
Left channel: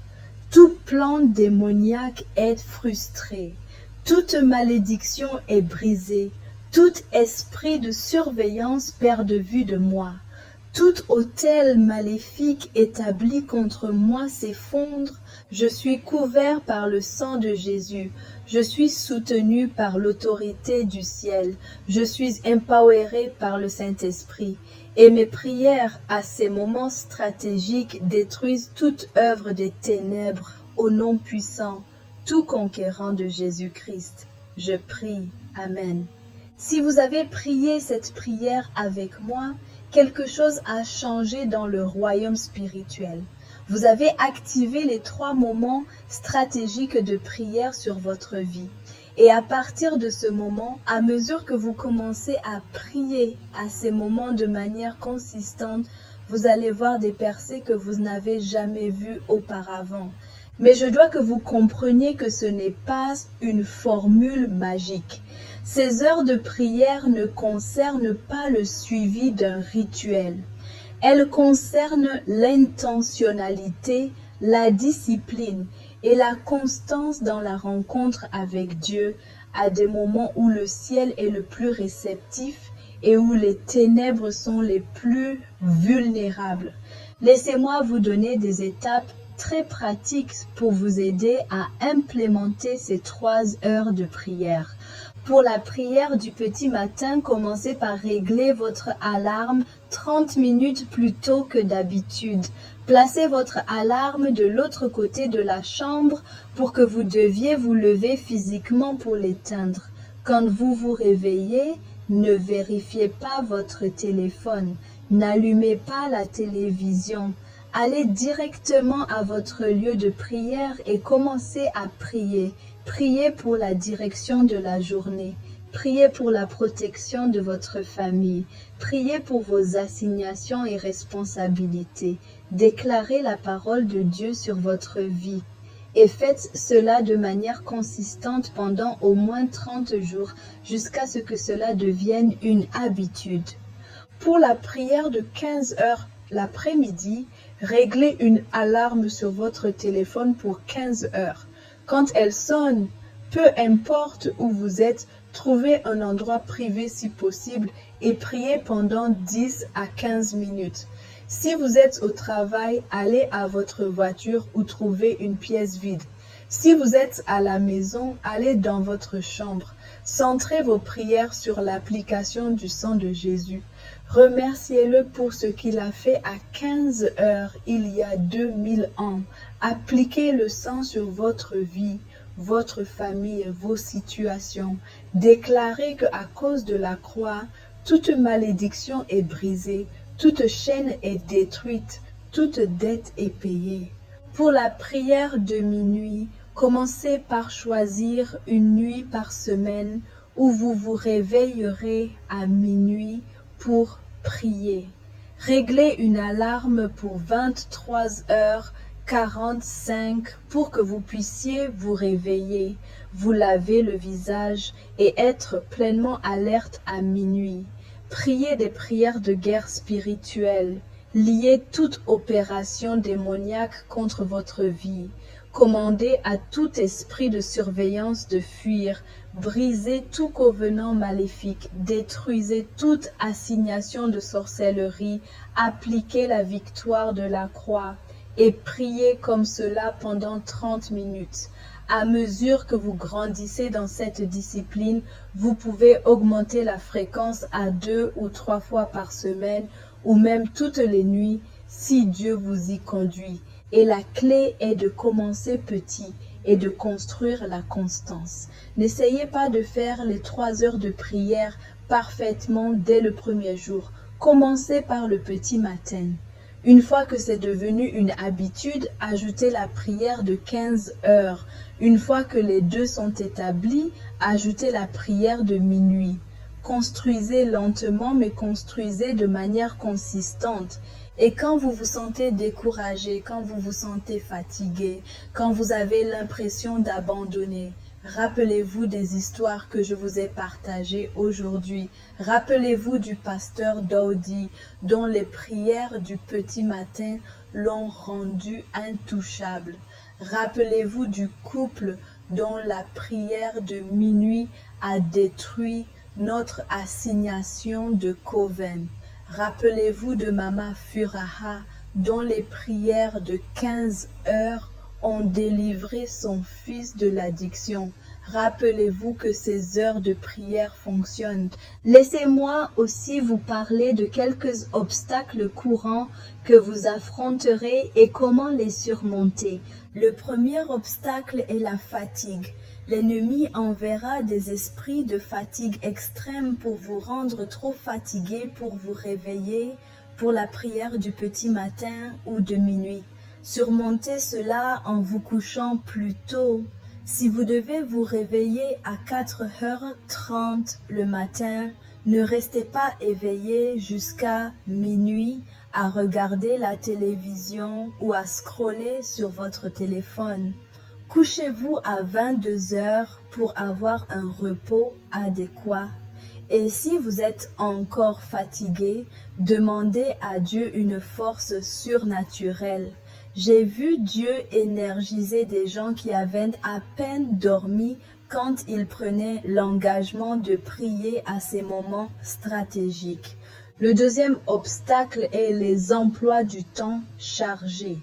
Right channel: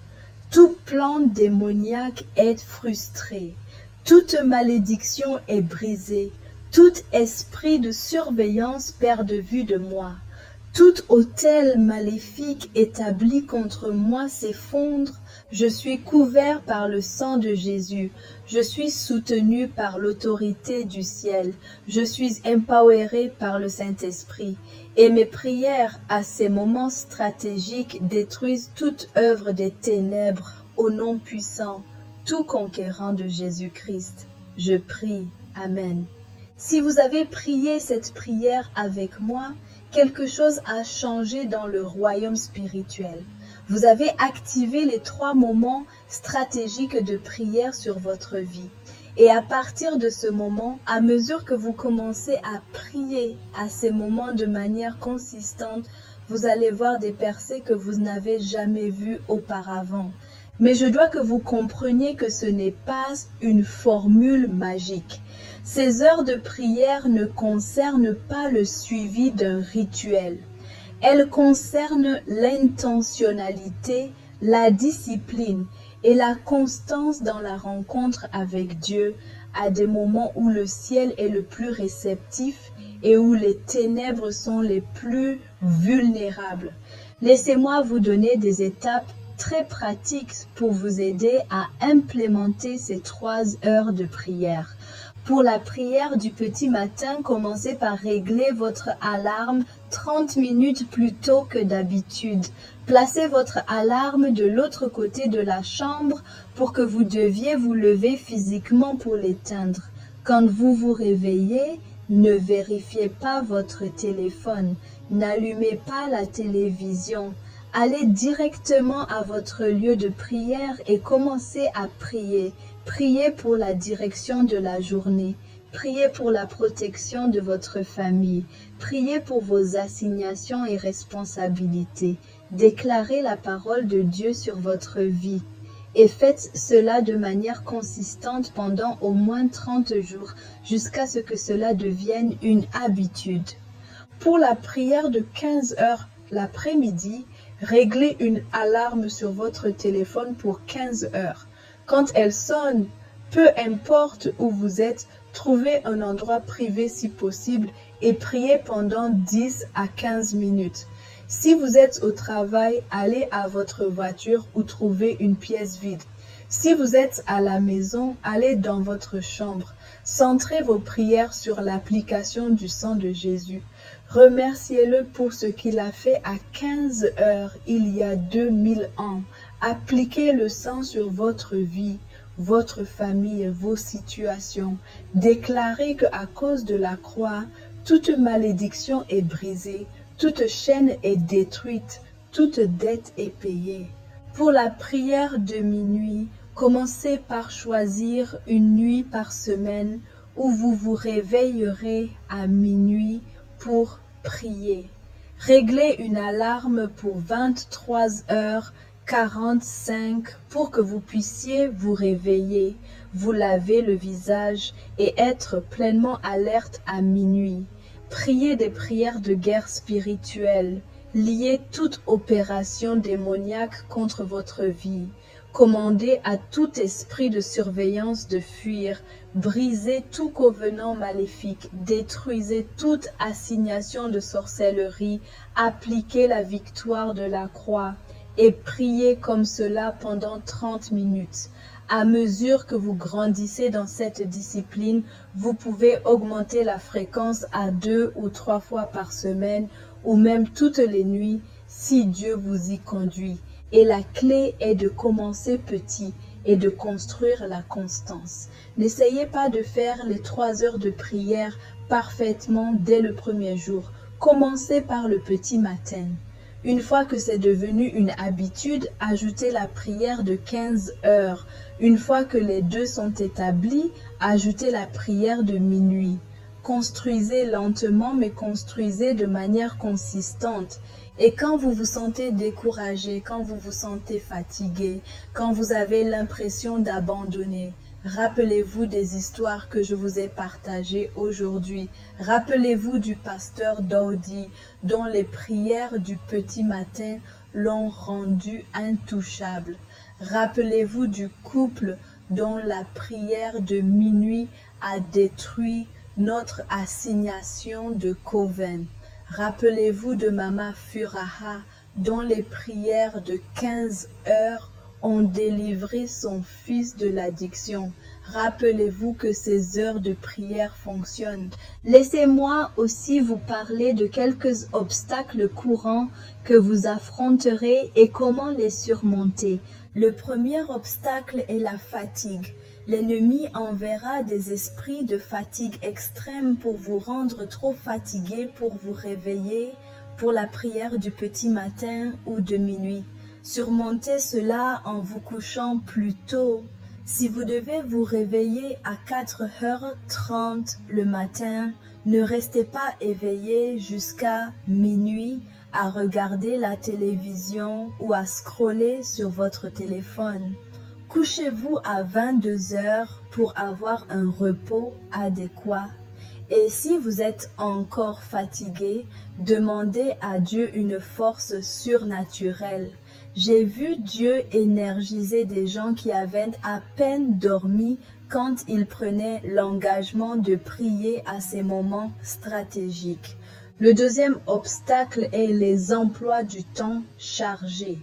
Tout plan démoniaque est frustré. Toute malédiction est brisée. Tout esprit de surveillance perd de vue de moi. Tout autel maléfique établi contre moi s'effondre. Je suis couvert par le sang de Jésus. Je suis soutenu par l'autorité du ciel. Je suis empoweré par le Saint-Esprit. Et mes prières à ces moments stratégiques détruisent toute œuvre des ténèbres au nom puissant, tout conquérant de Jésus-Christ. Je prie. Amen. Si vous avez prié cette prière avec moi, quelque chose a changé dans le royaume spirituel. Vous avez activé les 3 moments stratégiques de prière sur votre vie. Et à partir de ce moment, à mesure que vous commencez à prier à ces moments de manière consistante, vous allez voir des percées que vous n'avez jamais vues auparavant. Mais je dois que vous compreniez que ce n'est pas une formule magique. Ces heures de prière ne concernent pas le suivi d'un rituel. Elles concernent l'intentionnalité, la discipline et la constance dans la rencontre avec Dieu à des moments où le ciel est le plus réceptif et où les ténèbres sont les plus vulnérables. Laissez-moi vous donner des étapes très pratiques pour vous aider à implémenter ces 3 heures de prière. Pour la prière du petit matin, commencez par régler votre alarme 30 minutes plus tôt que d'habitude. Placez votre alarme de l'autre côté de la chambre pour que vous deviez vous lever physiquement pour l'éteindre. Quand vous vous réveillez, ne vérifiez pas votre téléphone, n'allumez pas la télévision. Allez directement à votre lieu de prière et commencez à prier. Priez pour la direction de la journée. Priez pour la protection de votre famille. Priez pour vos assignations et responsabilités. Déclarez la parole de Dieu sur votre vie. Et faites cela de manière consistante pendant au moins 30 jours, jusqu'à ce que cela devienne une habitude. Pour la prière de 15 heures l'après-midi, réglez une alarme sur votre téléphone pour 15 heures. Quand elle sonne, peu importe où vous êtes, trouvez un endroit privé si possible et priez pendant 10 à 15 minutes. Si vous êtes au travail, allez à votre voiture ou trouvez une pièce vide. Si vous êtes à la maison, allez dans votre chambre. Centrez vos prières sur l'application du sang de Jésus. Remerciez-le pour ce qu'il a fait à 15 heures il y a 2000 ans. Appliquez le sang sur votre vie, votre famille, vos situations. Déclarez qu'à cause de la croix, toute malédiction est brisée, toute chaîne est détruite, toute dette est payée. Pour la prière de minuit, commencez par choisir une nuit par semaine où vous vous réveillerez à minuit pour prier. Réglez une alarme pour 23h45 pour que vous puissiez vous réveiller, vous laver le visage et être pleinement alerte à minuit. Priez des prières de guerre spirituelle. Liez toute opération démoniaque contre votre vie. Commandez à tout esprit de surveillance de fuir. Brisez tout covenant maléfique. Détruisez toute assignation de sorcellerie. Appliquez la victoire de la croix et priez comme cela pendant 30 minutes. À mesure que vous grandissez dans cette discipline, vous pouvez augmenter la fréquence à 2 ou 3 fois par semaine ou même toutes les nuits si Dieu vous y conduit. Et la clé est de commencer petit et de construire la constance. N'essayez pas de faire les 3 heures de prière parfaitement dès le premier jour. Commencez par le petit matin. Une fois que c'est devenu une habitude, ajoutez la prière de 15 heures. Une fois que les deux sont établis, ajoutez la prière de minuit. Construisez lentement, mais construisez de manière consistante. Et quand vous vous sentez découragé, quand vous vous sentez fatigué, quand vous avez l'impression d'abandonner, rappelez-vous des histoires que je vous ai partagées aujourd'hui. Rappelez-vous du pasteur Daudi, dont les prières du petit matin l'ont rendu intouchable. Rappelez-vous du couple dont la prière de minuit a détruit notre assignation de coven. Rappelez-vous de Mama Furaha, dont les prières de 15 heures ont délivré son fils de l'addiction. Rappelez-vous que ces heures de prière fonctionnent. Laissez-moi aussi vous parler de quelques obstacles courants que vous affronterez et comment les surmonter. Le premier obstacle est la fatigue. L'ennemi enverra des esprits de fatigue extrême pour vous rendre trop fatigué pour vous réveiller pour la prière du petit matin ou de minuit. Surmontez cela en vous couchant plus tôt. Si vous devez vous réveiller à 4h30 le matin, ne restez pas éveillé jusqu'à minuit à regarder la télévision ou à scroller sur votre téléphone. Couchez-vous à 22h pour avoir un repos adéquat. Et si vous êtes encore fatigué, demandez à Dieu une force surnaturelle. J'ai vu Dieu énergiser des gens qui avaient à peine dormi quand ils prenaient l'engagement de prier à ces moments stratégiques. Le deuxième obstacle est les emplois du temps chargés.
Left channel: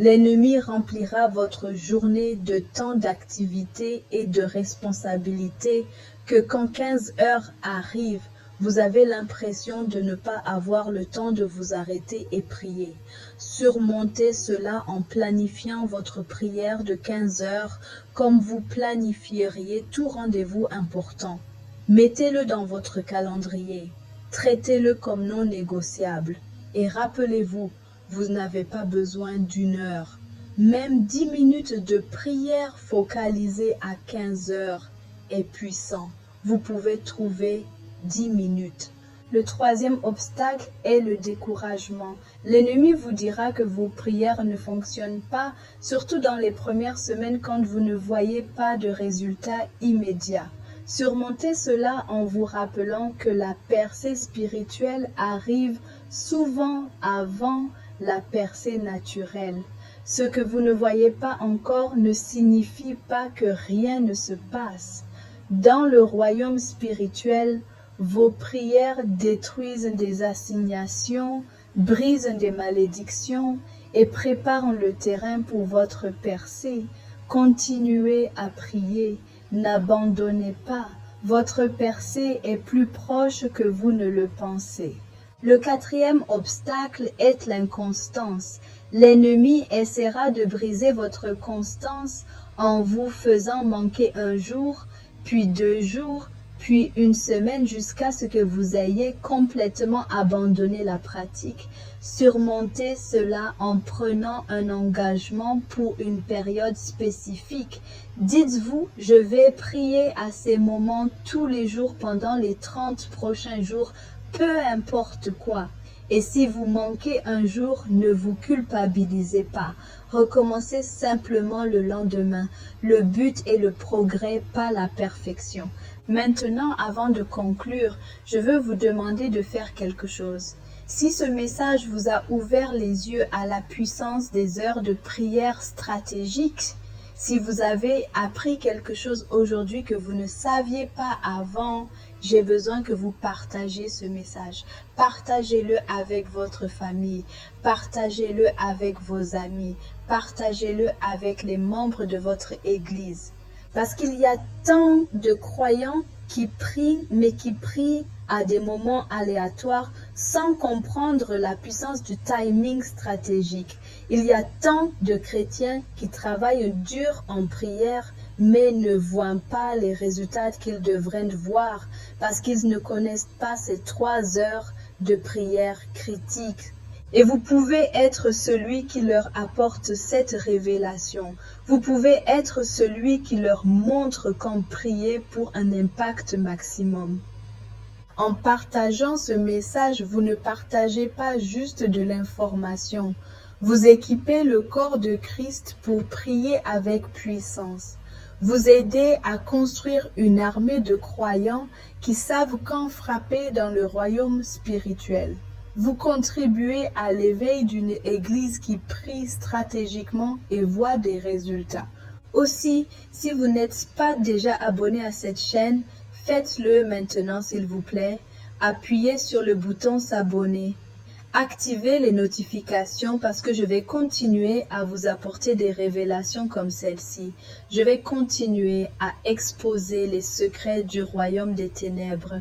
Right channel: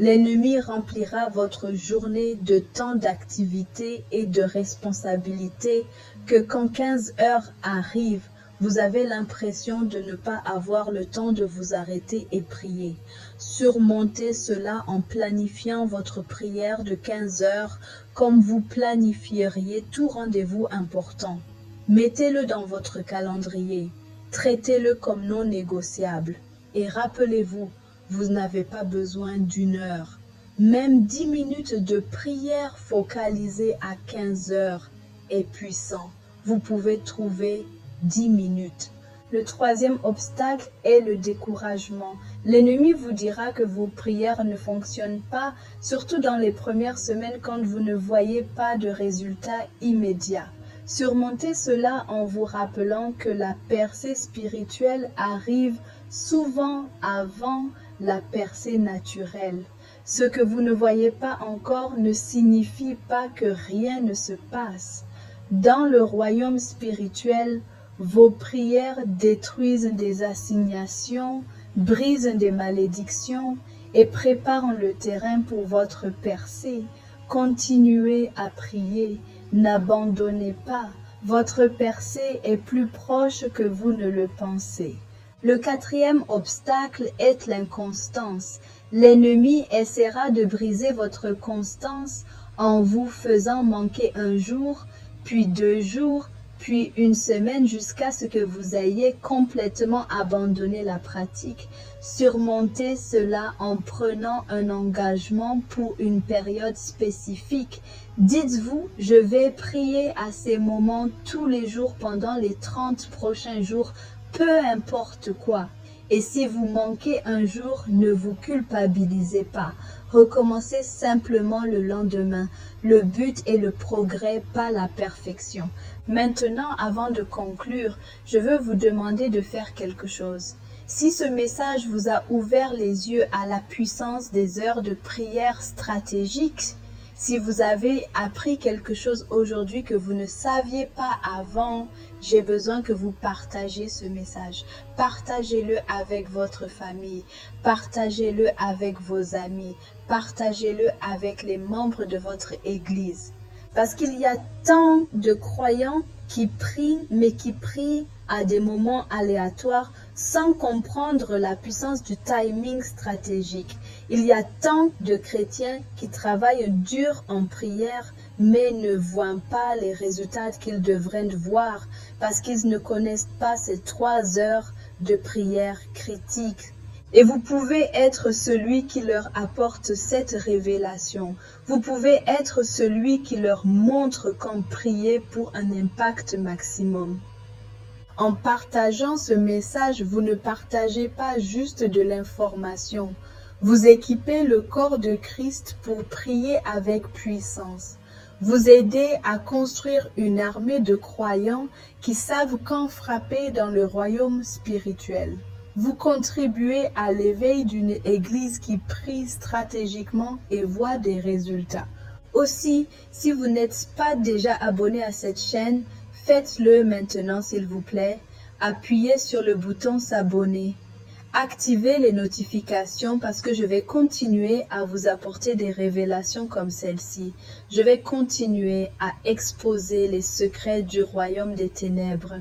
L'ennemi remplira votre journée de tant d'activités et de responsabilités que quand 15 heures arrivent, vous avez l'impression de ne pas avoir le temps de vous arrêter et prier. Surmontez cela en planifiant votre prière de 15 heures comme vous planifieriez tout rendez-vous important. Mettez-le dans votre calendrier. Traitez-le comme non négociable. Et rappelez-vous, vous n'avez pas besoin d'une heure. Même 10 minutes de prière focalisée à 15 heures est puissant. Vous pouvez trouver 10 minutes. Le troisième obstacle est le découragement. L'ennemi vous dira que vos prières ne fonctionnent pas, surtout dans les premières semaines quand vous ne voyez pas de résultats immédiats. Surmontez cela en vous rappelant que la percée spirituelle arrive souvent avant la percée naturelle. Ce que vous ne voyez pas encore ne signifie pas que rien ne se passe. Dans le royaume spirituel, vos prières détruisent des assignations, brisent des malédictions et préparent le terrain pour votre percée. Continuez à prier, n'abandonnez pas. Votre percée est plus proche que vous ne le pensez. Le quatrième obstacle est l'inconstance. L'ennemi essaiera de briser votre constance en vous faisant manquer un jour, puis 2 jours, puis une semaine jusqu'à ce que vous ayez complètement abandonné la pratique. Surmontez cela en prenant un engagement pour une période spécifique. Dites-vous, je vais prier à ces moments tous les jours pendant les 30 prochains jours, peu importe quoi. Et si vous manquez un jour, ne vous culpabilisez pas. Recommencez simplement le lendemain. Le but est le progrès, pas la perfection. Maintenant, avant de conclure, je veux vous demander de faire quelque chose. Si ce message vous a ouvert les yeux à la puissance des heures de prière stratégiques, si vous avez appris quelque chose aujourd'hui que vous ne saviez pas avant, j'ai besoin que vous partagiez ce message. Partagez-le avec votre famille, partagez-le avec vos amis, partagez-le avec les membres de votre église. Parce qu'il y a tant de croyants qui prient, mais qui prient à des moments aléatoires sans comprendre la puissance du timing stratégique. Il y a tant de chrétiens qui travaillent dur en prière, mais ne voient pas les résultats qu'ils devraient voir parce qu'ils ne connaissent pas ces 3 heures de prière critique. Et vous pouvez être celui qui leur apporte cette révélation. Vous pouvez être celui qui leur montre quand prier pour un impact maximum. En partageant ce message, vous ne partagez pas juste de l'information. Vous équipez le corps de Christ pour prier avec puissance. Vous aidez à construire une armée de croyants qui savent quand frapper dans le royaume spirituel. Vous contribuez à l'éveil d'une église qui prie stratégiquement et voit des résultats. Aussi, si vous n'êtes pas déjà abonné à cette chaîne, faites-le maintenant s'il vous plaît. Appuyez sur le bouton s'abonner. Activez les notifications parce que je vais continuer à vous apporter des révélations comme celle-ci. Je vais continuer à exposer les secrets du royaume des ténèbres.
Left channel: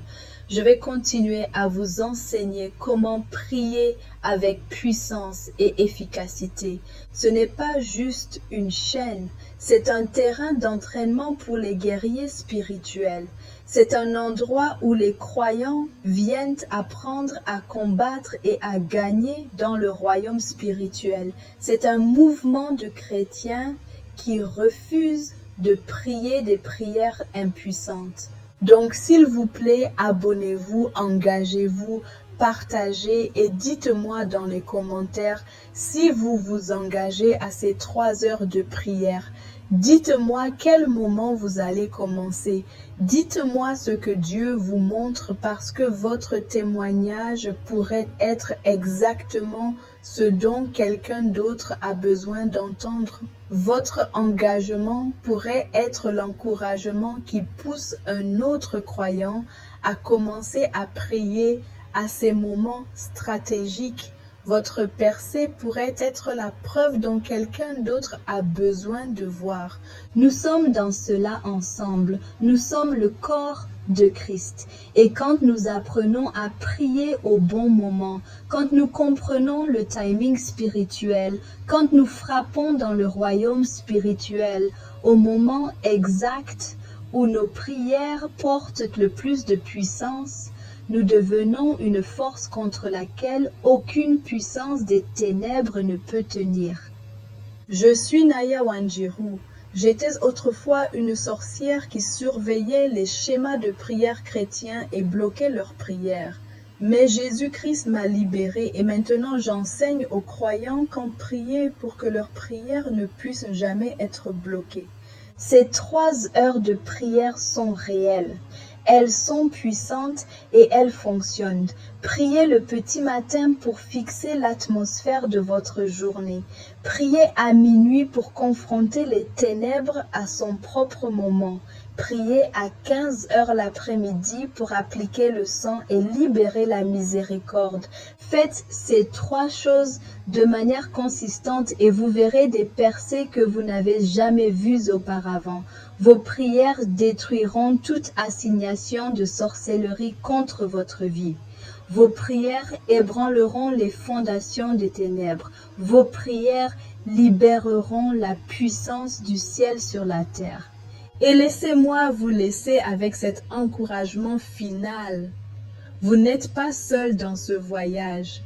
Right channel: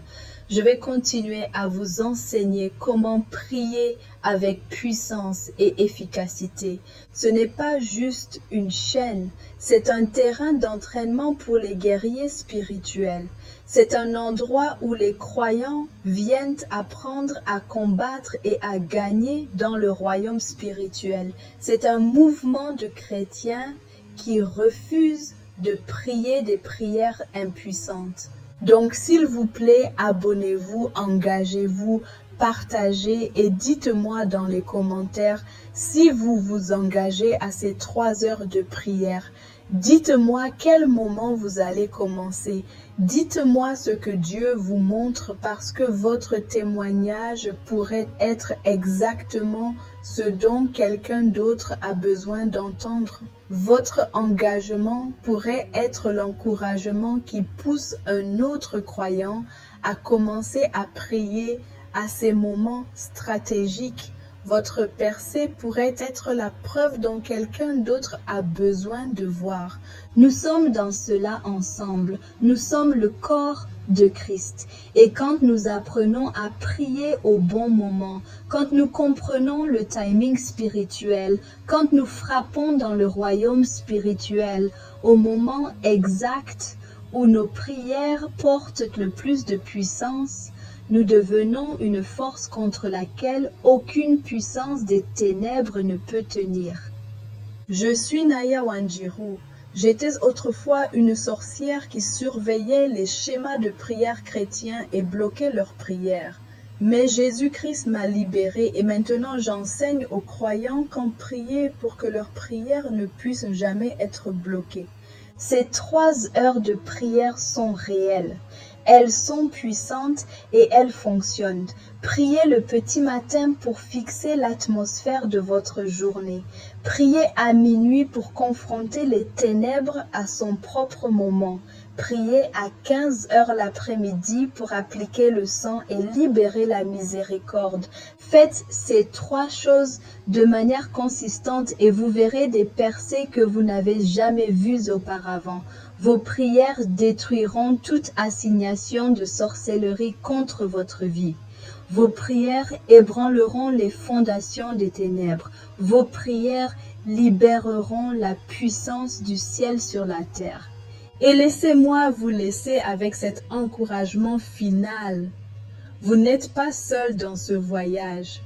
Je vais continuer à vous enseigner comment prier avec puissance et efficacité. Ce n'est pas juste une chaîne, c'est un terrain d'entraînement pour les guerriers spirituels. C'est un endroit où les croyants viennent apprendre à combattre et à gagner dans le royaume spirituel. C'est un mouvement de chrétiens qui refusent de prier des prières impuissantes. Donc, s'il vous plaît, abonnez-vous, engagez-vous, partagez et dites-moi dans les commentaires si vous vous engagez à ces 3 heures de prière. Dites-moi quel moment vous allez commencer. Dites-moi ce que Dieu vous montre parce que votre témoignage pourrait être exactement ce dont quelqu'un d'autre a besoin d'entendre. Votre engagement pourrait être l'encouragement qui pousse un autre croyant à commencer à prier à ces moments stratégiques. Votre percée pourrait être la preuve dont quelqu'un d'autre a besoin de voir. Nous sommes dans cela ensemble. Nous sommes le corps de Christ. Et quand nous apprenons à prier au bon moment, quand nous comprenons le timing spirituel, quand nous frappons dans le royaume spirituel, au moment exact où nos prières portent le plus de puissance, nous devenons une force contre laquelle aucune puissance des ténèbres ne peut tenir. Je suis Naya Wanjiru. J'étais autrefois une sorcière qui surveillait les schémas de prière chrétiens et bloquait leurs prières. Mais Jésus-Christ m'a libérée et maintenant j'enseigne aux croyants qu'en prier pour que leurs prières ne puissent jamais être bloquées. Ces 3 heures de prière sont réelles. Elles sont puissantes et elles fonctionnent. Priez le petit matin pour fixer l'atmosphère de votre journée. Priez à minuit pour confronter les ténèbres à son propre moment. Priez à 15 heures l'après-midi pour appliquer le sang et libérer la miséricorde. Faites ces 3 choses de manière consistante et vous verrez des percées que vous n'avez jamais vues auparavant. Vos prières détruiront toute assignation de sorcellerie contre votre vie. Vos prières ébranleront les fondations des ténèbres. Vos prières libéreront la puissance du ciel sur la terre. Et laissez-moi vous laisser avec cet encouragement final. Vous n'êtes pas seul dans ce voyage.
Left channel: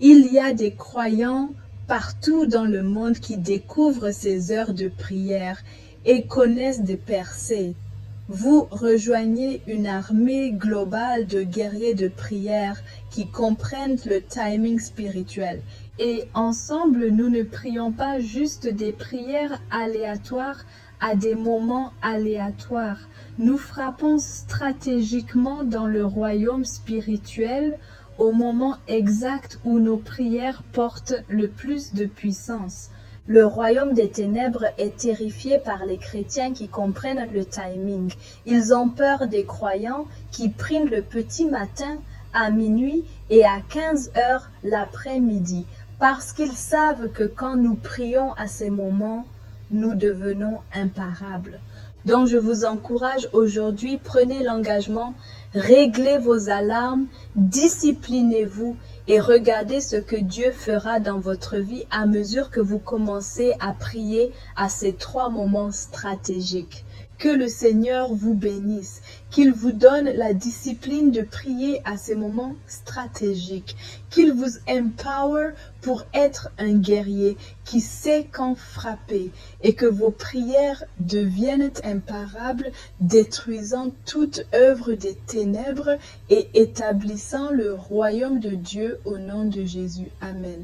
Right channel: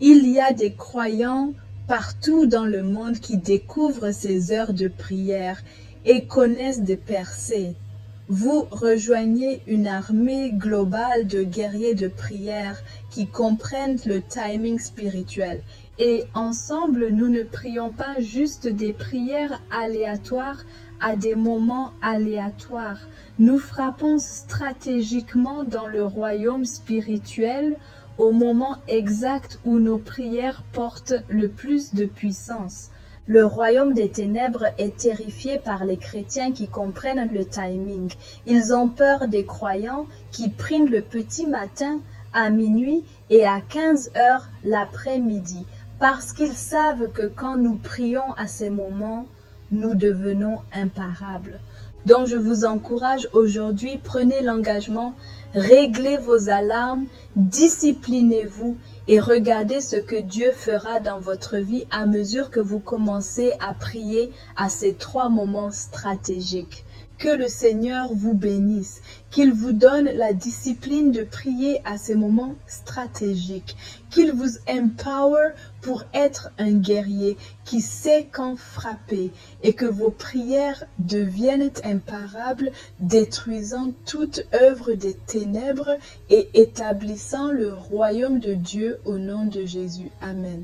Il y a des croyants partout dans le monde qui découvrent ces heures de prière et connaissent des percées. Vous rejoignez une armée globale de guerriers de prière qui comprennent le timing spirituel. Et ensemble, nous ne prions pas juste des prières aléatoires à des moments aléatoires. Nous frappons stratégiquement dans le royaume spirituel au moment exact où nos prières portent le plus de puissance. Le royaume des ténèbres est terrifié par les chrétiens qui comprennent le timing. Ils ont peur des croyants qui prient le petit matin, à minuit et à 15 heures l'après-midi, parce qu'ils savent que quand nous prions à ces moments, nous devenons imparables. Donc je vous encourage aujourd'hui, prenez l'engagement, réglez vos alarmes, disciplinez-vous et regardez ce que Dieu fera dans votre vie à mesure que vous commencez à prier à ces 3 moments stratégiques. Que le Seigneur vous bénisse, qu'il vous donne la discipline de prier à ces moments stratégiques, qu'il vous empower pour être un guerrier qui sait quand frapper et que vos prières deviennent imparables, détruisant toute œuvre des ténèbres et établissant le royaume de Dieu au nom de Jésus. Amen.